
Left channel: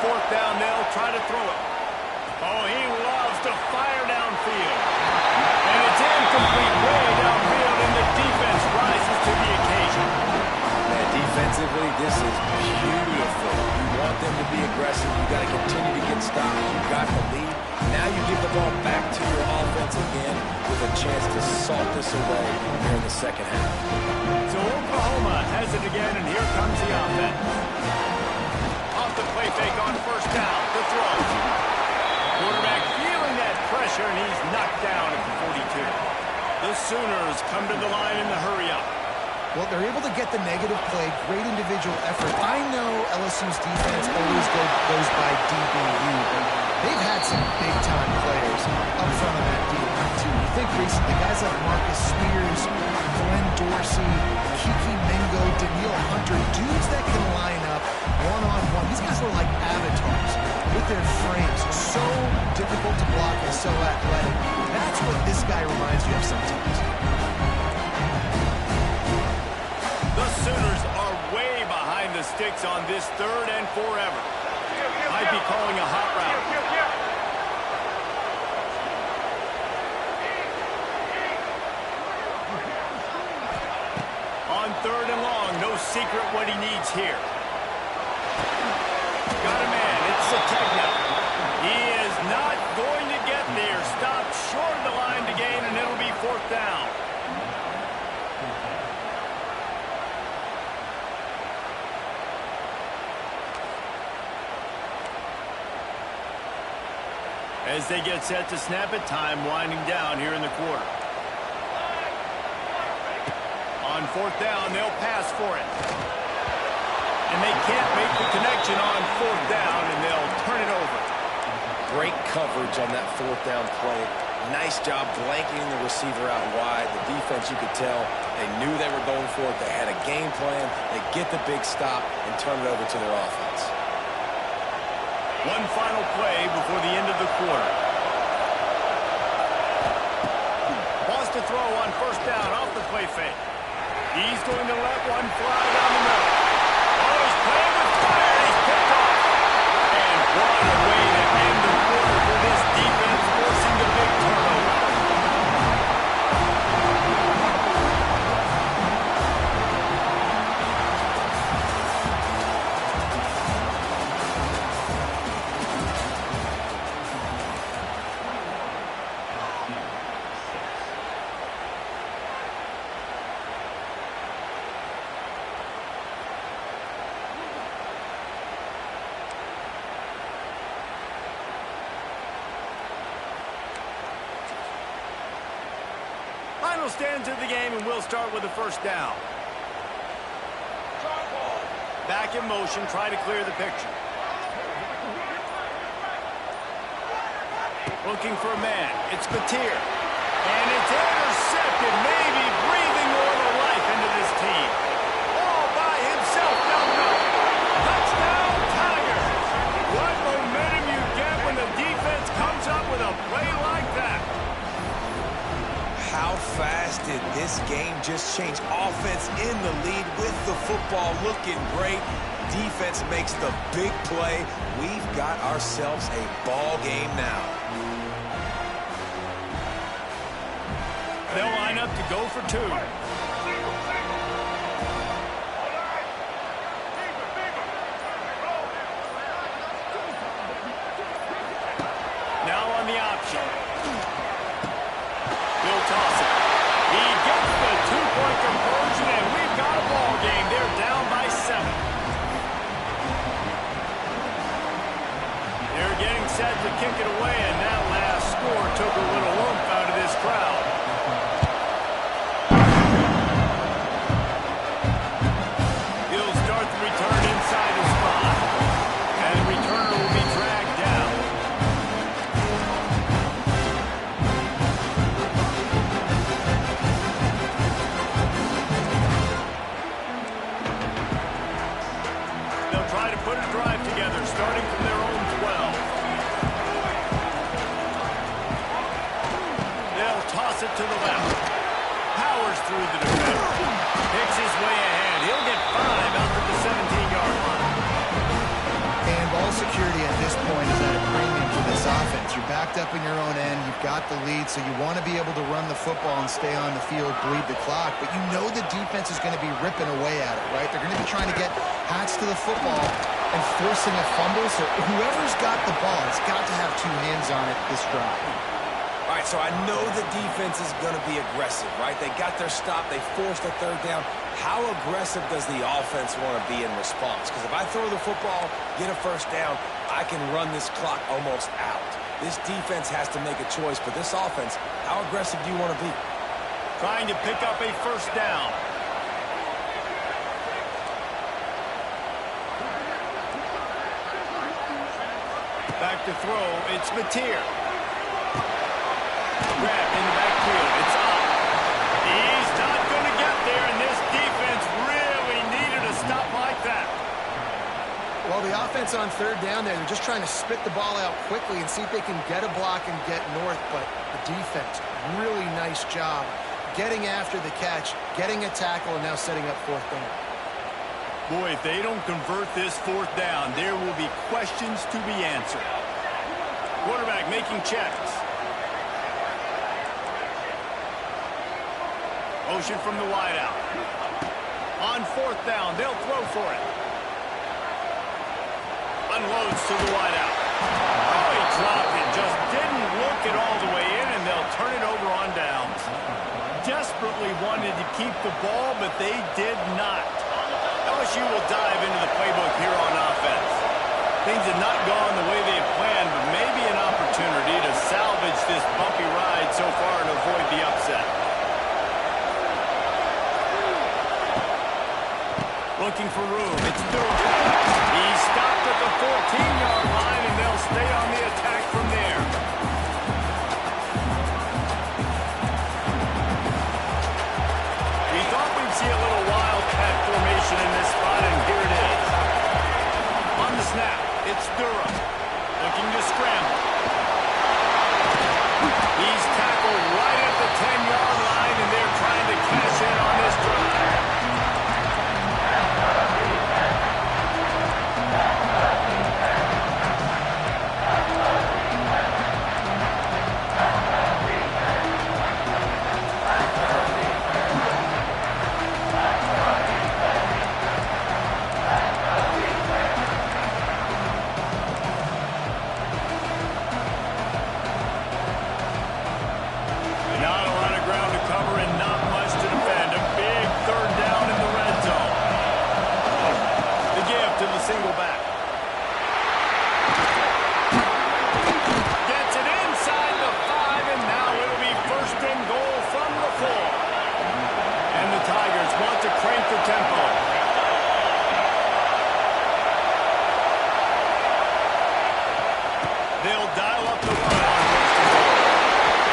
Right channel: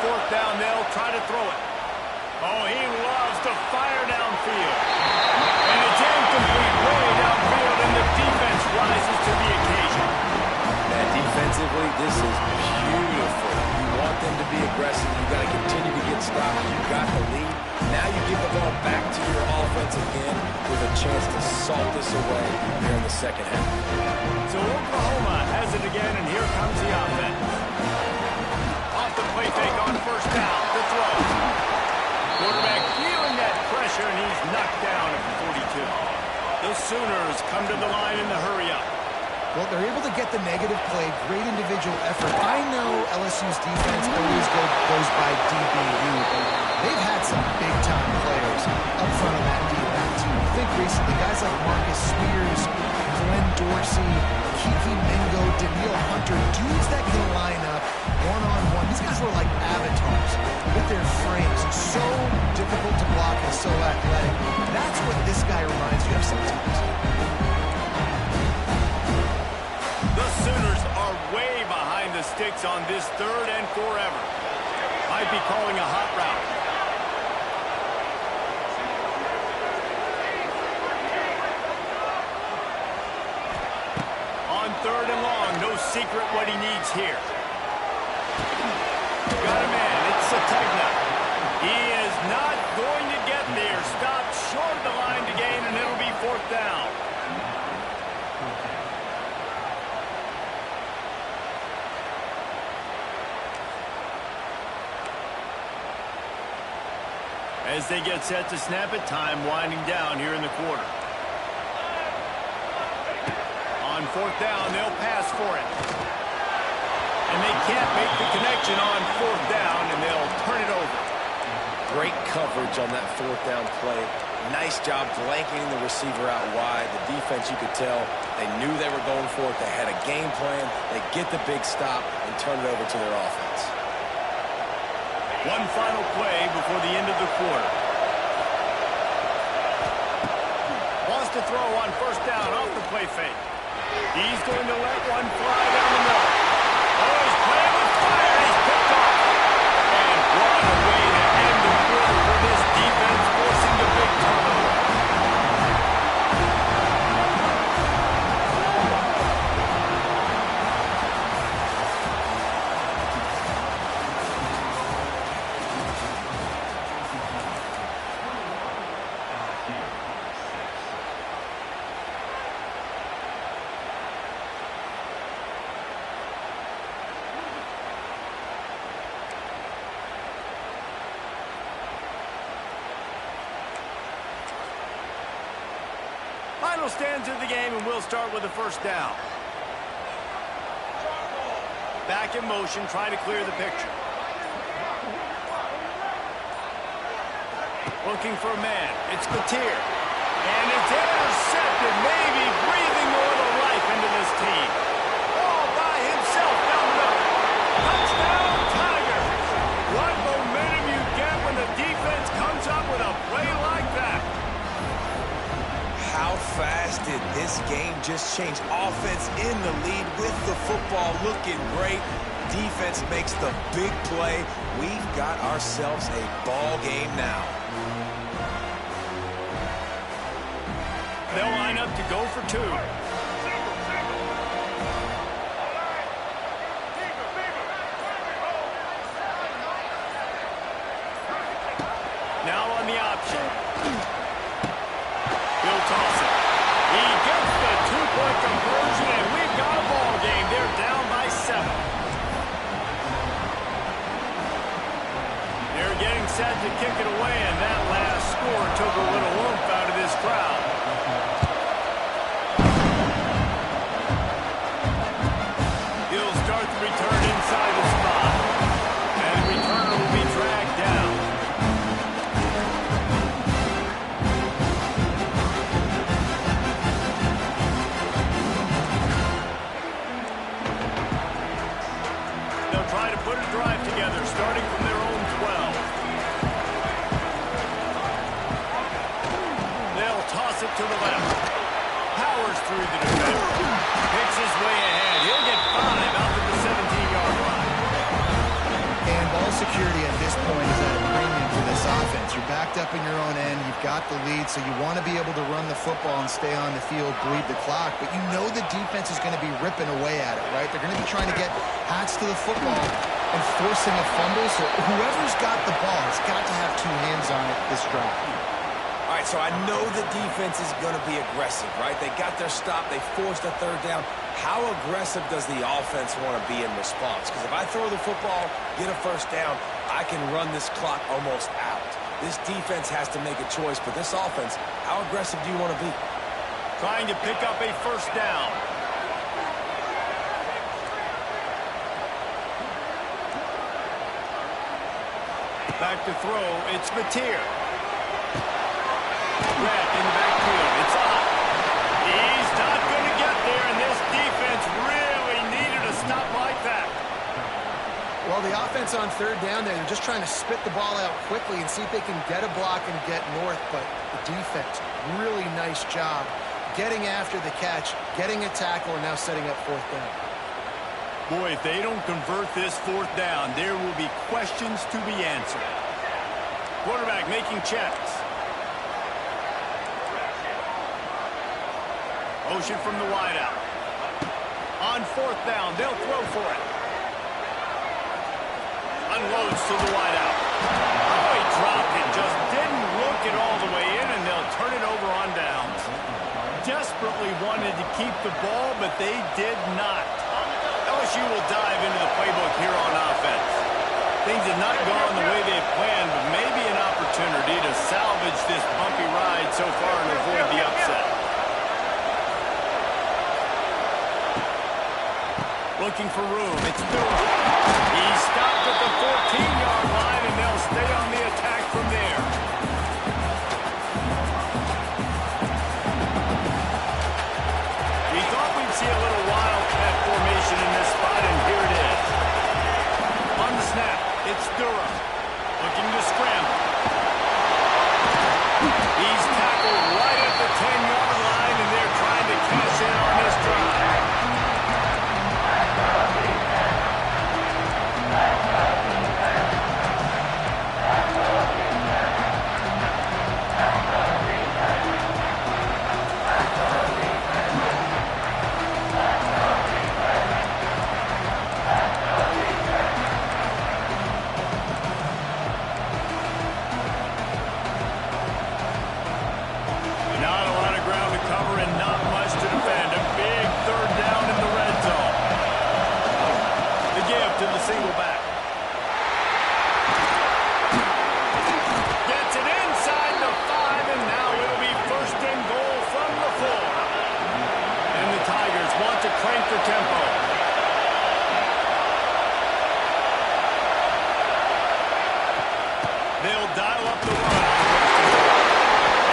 Fourth down, they'll try to throw it. Oh, he loves to fire downfield. And it's incomplete way downfield, and the defense rises to the occasion. Man, defensively, this is beautiful. You want them to be aggressive. You got to continue to get stops. You got the lead. Now you give the ball back to your offense again with a chance to salt this away here in the second half. So Oklahoma has it again, and here comes the offense. Off the play fake on first down, the throw. Quarterback feeling that pressure, and he's knocked down at the 42. The Sooners come to the line in the hurry-up. Well, they're able to get the negative play, great individual effort. I know LSU's defense always goes by DBU, but they've had some big-time players up front on that D-line, too. You think recently, guys like Marcus Spears, Glenn Dorsey, Kiki Mingo, Daniil Hunter, dudes that can line up one-on-one. These guys were like avatars. their frames. So difficult to block and so athletic. That's what this guy reminds you of sometimes. The Sooners are way behind the sticks on this 3rd and forever. Might be calling a hot route. On 3rd and long, no secret what he needs here. Got a man, it's Sategna. He is not going to get there. Stopped short of the line to gain, and it'll be 4th down. As they get set to snap it, time winding down here in the quarter. On 4th down, they'll pass for it. And they can't make the connection on 4th down, and they'll turn it over. Great coverage on that 4th down play. Nice job blanketing the receiver out wide. The defense, you could tell, they knew they were going for it. They had a game plan. They get the big stop and turn it over to their offense. One final play before the end of the quarter. Wants to throw on 1st down off the play fake. He's going to let one fly down the middle. Oh, he's playing with fire. He's picked off. And what a way to end the quarter for this defense, forcing the big turnover. Final stands of the game, and we'll start with the 1st down. Back in motion, try to clear the picture. Looking for a man. It's Batir. And it's intercepted, maybe breathing a little life into this team. All by himself down the middle. Touchdown, Tigers! What momentum you get when the defense comes up with a play like that. How fast did this game just change? Offense in the lead with the football looking great. Defense makes the big play. We've got ourselves a ball game now. They'll line up to go for 2. Now on the option. He'll toss it. He gets the 2-point conversion, and we've got a ball game. They're down by 7. They're getting set to kick it away, and that last score took a little oomph out of this crowd. He'll start the return inside the spot, and the returner will be dragged down. Try to put a drive together, starting from their own 12. They'll toss it to the left. Powers through the defender. Picks his way ahead. He'll get 5 out to the 17-yard line. And ball security at this point is at a premium for this offense. You're backed up in your own end. You've got the lead, so you want to be able to run the football and stay on the field, bleed the clock. But you know the defense is going to be ripping away at it, right? They're going to be trying to get hats to the football and forcing a fumble. So whoever's got the ball has got to have 2 hands on it this drive. All right, so I know the defense is going to be aggressive, right? They got their stop. They forced a 3rd down. How aggressive does the offense want to be in response? Because if I throw the football, get a 1st down, I can run this clock almost out. This defense has to make a choice, but this offense, how aggressive do you want to be? Trying to pick up a 1st down. Back to throw, it's Batir. Grab in the backfield, it's up. He's not going to get there, and this defense really needed a stop like that. Well, the offense on third down there, they're just trying to spit the ball out quickly and see if they can get a block and get north. But the defense, really nice job getting after the catch, getting a tackle, and now setting up fourth down. Boy, if they don't convert this fourth down, there will be questions to be answered. Quarterback making checks. Motion from the wideout. On fourth down, they'll throw for it. Unloads to the wideout. Oh, he dropped it. Just didn't look it all the way in, and they'll turn it over on downs. Desperately wanted to keep the ball, but they did not. LSU will dive into the playbook here on offense. Things have not gone the way they had planned, but maybe an opportunity to salvage this bumpy ride so far and avoid the upset. Looking for room. It's Durham. He stopped at the 14-yard line, and they'll stay on the attack from there. We thought we'd see a little wildcat formation in this spot, and here it is. On the snap, it's Durham. Looking to scramble. He's tackled right at the 10-yard line, and they're trying to cash in on this drive. Not a lot of ground to cover and not much to defend. A big third down in the red zone. The give to the single back. Gets it inside the 5, and now it'll be first and goal from the 4. And the Tigers want to crank the tempo. They'll dial up the run on first and goal.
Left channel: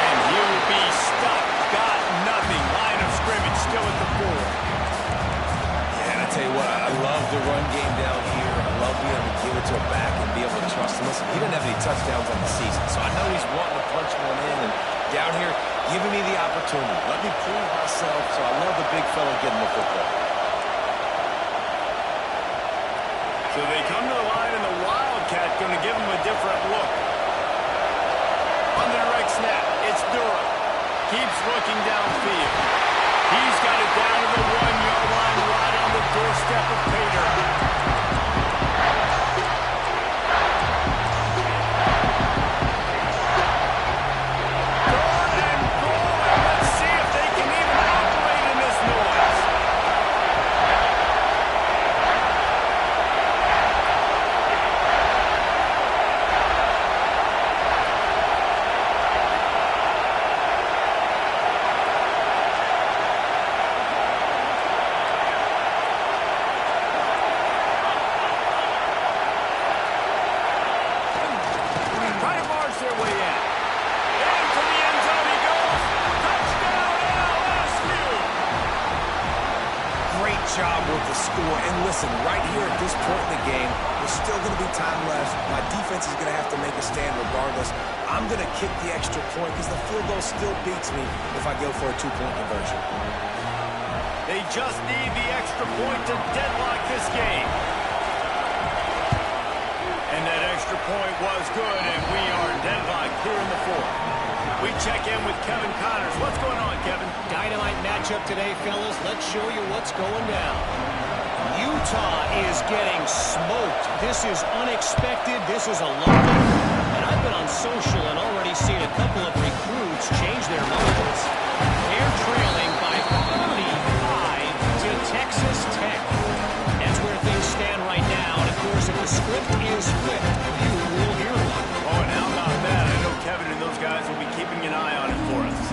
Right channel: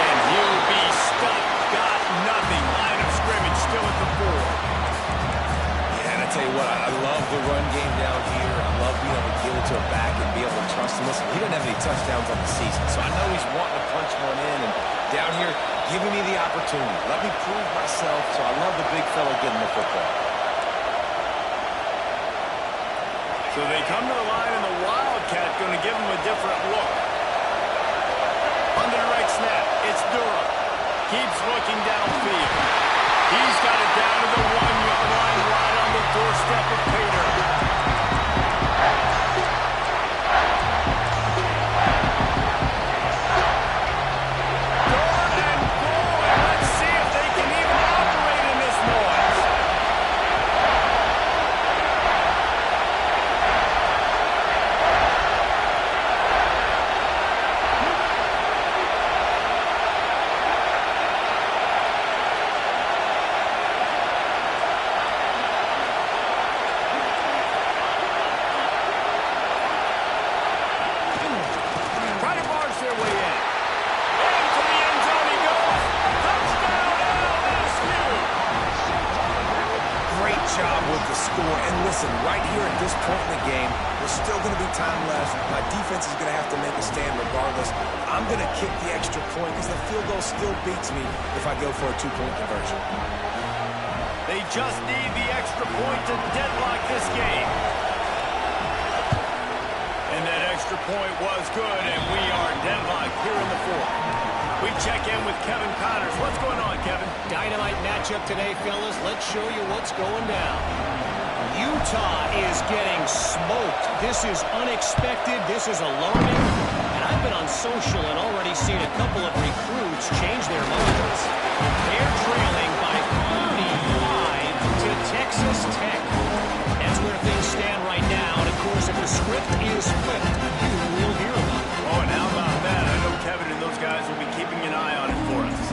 And he'll be stuck. Got nothing. Line of scrimmage still at the 4. Yeah, and I tell you what, I love the run game down here. I love being able to give it to a back and be able to trust him. Listen, he didn't have any touchdowns on the season, so I know he's wanting to punch one in. And down here, giving me the opportunity. Let me prove myself, so I love the big fella getting the football. So they come to the line, and the Wildcat going to give him a different look. On the direct snap, it's Durham. Keeps looking downfield. He's got it down to the 1-yard line right on the doorstep of Pater. Their way in. Into the end zone he goes. Touchdown, LSU! Great job with the score. And listen, right here at this point in the game, there's still going to be time left. My defense is going to have to make a stand regardless. I'm going to kick the extra point because the field goal still beats me if I go for a 2-point conversion. They just need the extra point to deadlock this game. And that extra point was good, and we are deadlocked here in the 4th. We check in with Kevin Connors. What's going on, Kevin? Dynamite matchup today, fellas. Let's show you what's going down. Utah is getting smoked. This is unexpected. This is alarming. And I've been on social and already seen a couple of recruits change their minds. They're trailing by 35 to Texas Tech. That's where things stand right now. And, of course, if the script is flipped, you will hear about it. Oh, and how about that? I know Kevin and those guys will be keeping an eye on it for us.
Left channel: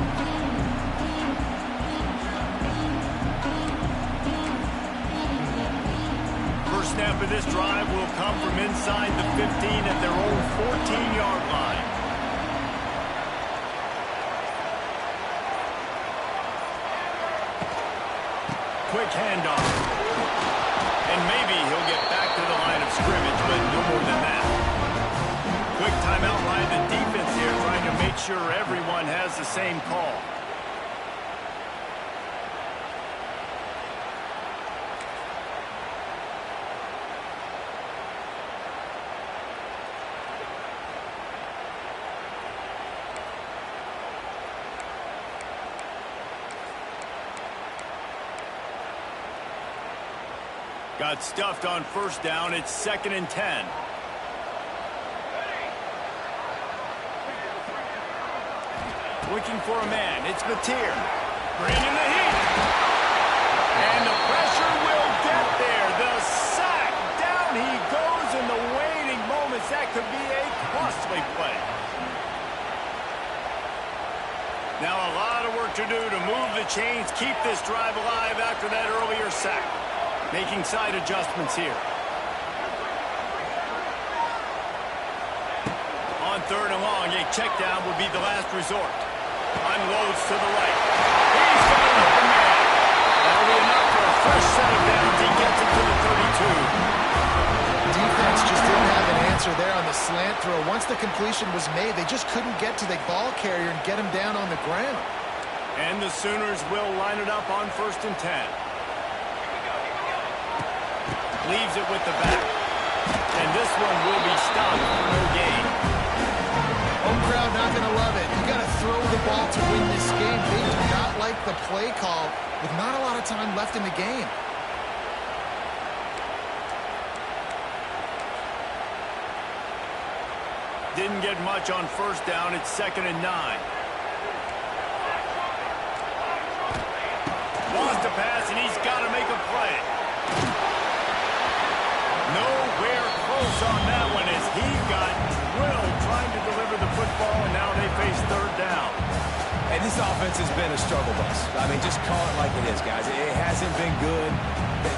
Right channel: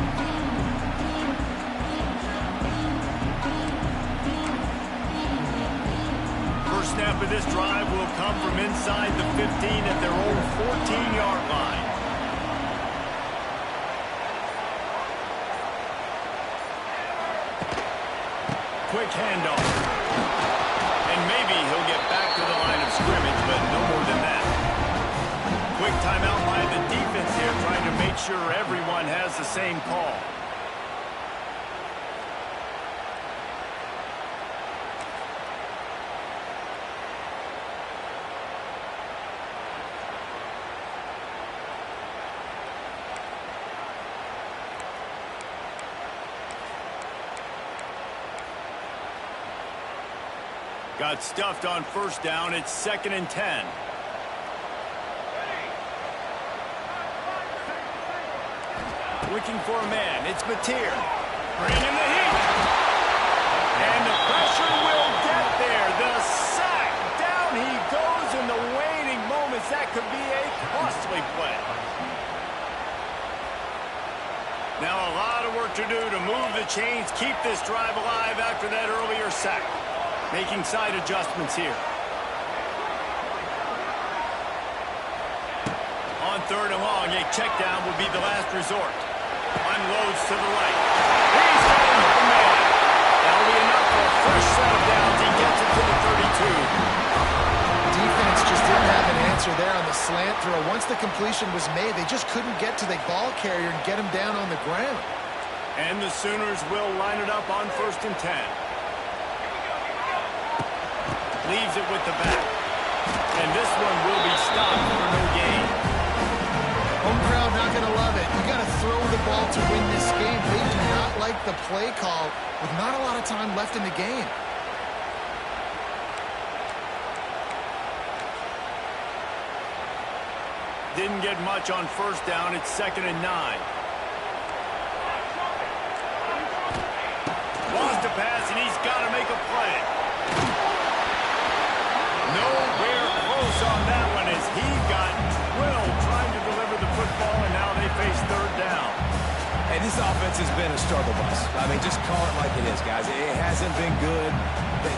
First snap of this drive will come from inside the 15 at their own 14-yard line. Quick handoff. And maybe he'll get back to the line of scrimmage make sure everyone has the same call. Got stuffed on first down. It's 2nd and 10. Looking for a man. It's Mateer. Bringing the heat. And the pressure will get there. The sack. Down he goes in the waning moments. That could be a costly play. Now a lot of work to do to move the chains, keep this drive alive after that earlier sack. Making side adjustments here. On 3rd and long, a check down would be the last resort. Unloads to the right. He's got an open man. That'll be enough for a fresh set of downs. He gets it to the 32. Defense just didn't have an answer there on the slant throw. Once the completion was made, they just couldn't get to the ball carrier and get him down on the ground. And the Sooners will line it up on 1st and 10. Leaves it with the back. And this one will be stopped for no gain. Home crowd not going to love it. You got to throw the ball to win this game. They do not like the play call with not a lot of time left in the game. Didn't get much on first down. It's 2nd and 9. Lost a pass, and he's got to make a play. Nowhere close on that one as he got drilled trying to deliver the football, and now they face 3rd down. And this offense has been a struggle bus. I mean, just call it like it is, guys. It hasn't been good,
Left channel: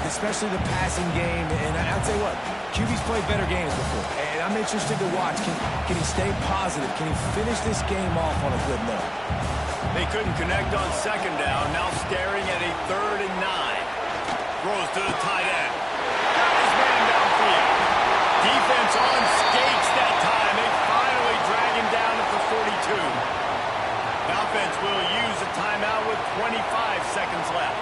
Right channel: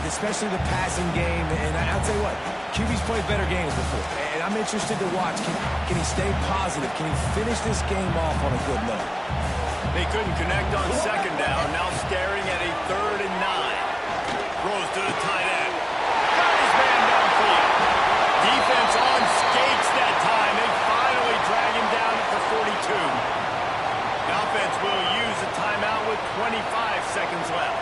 especially the passing game. And I'll tell you what, QB's played better games before. And I'm interested to watch. Can he stay positive? Can he finish this game off on a good note? They couldn't connect on 2nd down. Now staring at a 3rd and 9. Throws to the tight end. Got his man downfield. Defense on skates that time. They finally drag him down at the 42. The offense will use a timeout with 25 seconds left.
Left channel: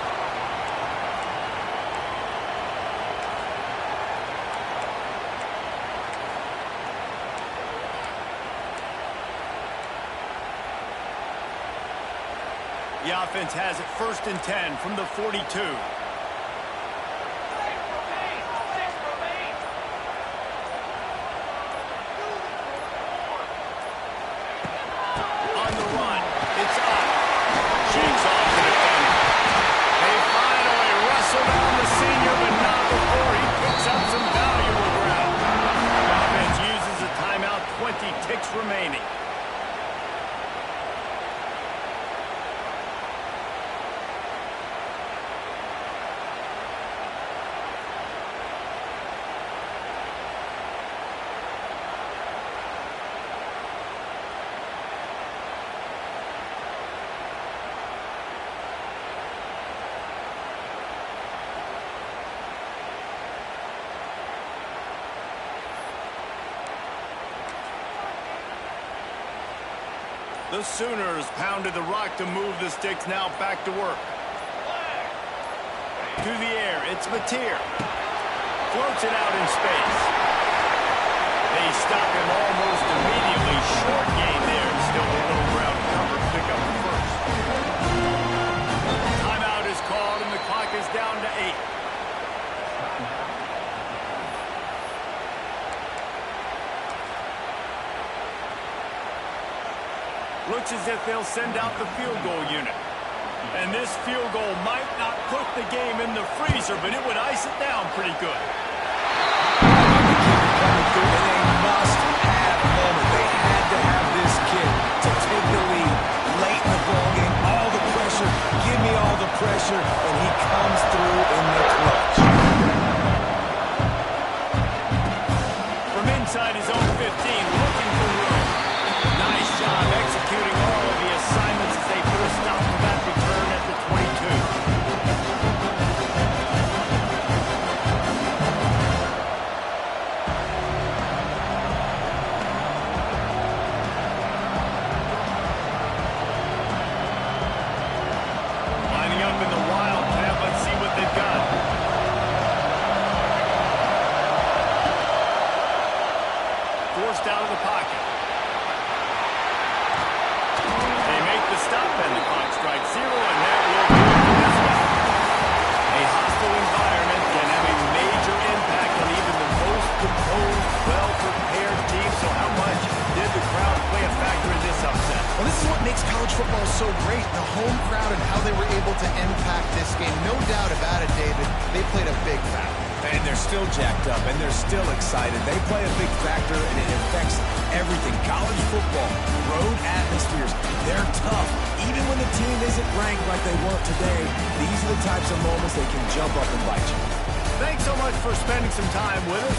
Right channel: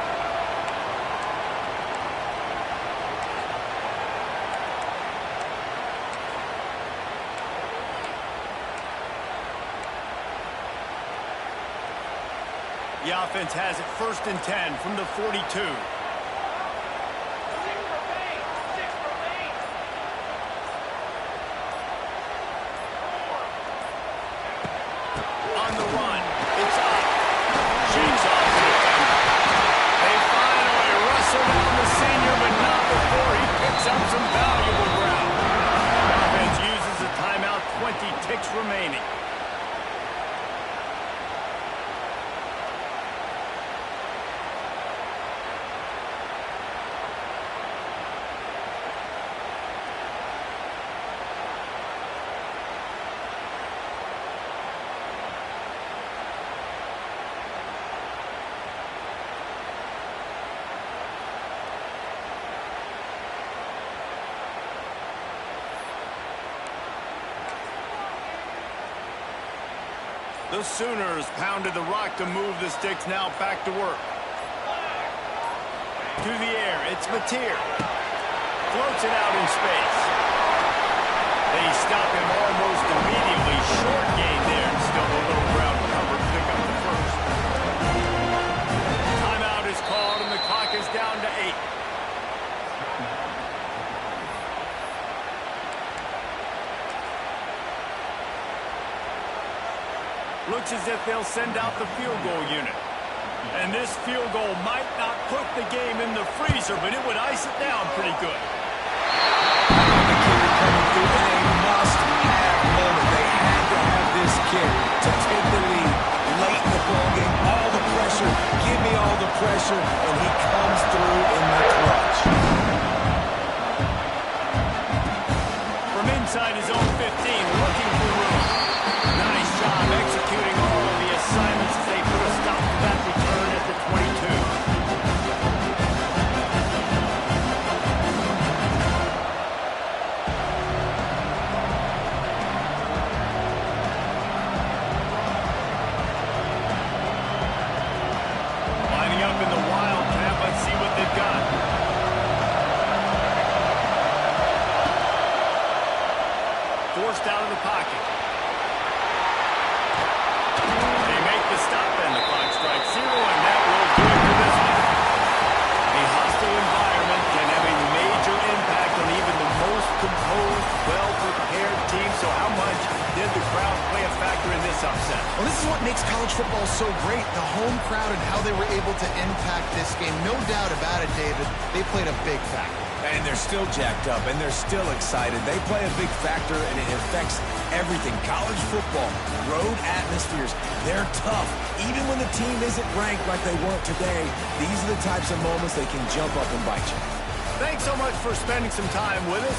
The offense has it 1st and 10 from the 42. On the run, it's up. Shakes off the defender. They finally wrestle down the senior, but not before he picks up some valuable ground. The offense uses a timeout, 20 ticks remaining. The Sooners pounded the rock to move the sticks, now back to work. To the air, it's Mateer. Floats it out in space. They stop him almost immediately. Short gain there. Still a little ground cover to pick up the first. Timeout is called, and the clock is down to 8. Looks as if they'll send out the field goal unit. And this field goal might not put the game in the freezer, but it would ice it down pretty good. I know the kicker coming through in a must-have moment. They had to have this kick to take the lead late in the ballgame. All the pressure, give me all the pressure, and he comes through in the clutch. From inside his own 15, looking for room. Nice job executing all of the assignments as they put a stop to that return at the 22. forced out of the pocket. They make the stop, and the clock strikes 0, and that will do it for this one. A hostile environment can have a major impact on even the most composed, well-prepared team. So how much did the crowd play a factor in this upset? Well, this is what makes college football so great, the home crowd and how they were able to impact this game. No doubt about it, David. They played a big factor. And they're still jacked up, and they're still excited. They play a big factor, and it affects everything. College football, road atmospheres, they're tough. Even when the team isn't ranked like they weren't today, these are the types of moments that can jump up and bite you. Thanks so much for spending some time with us.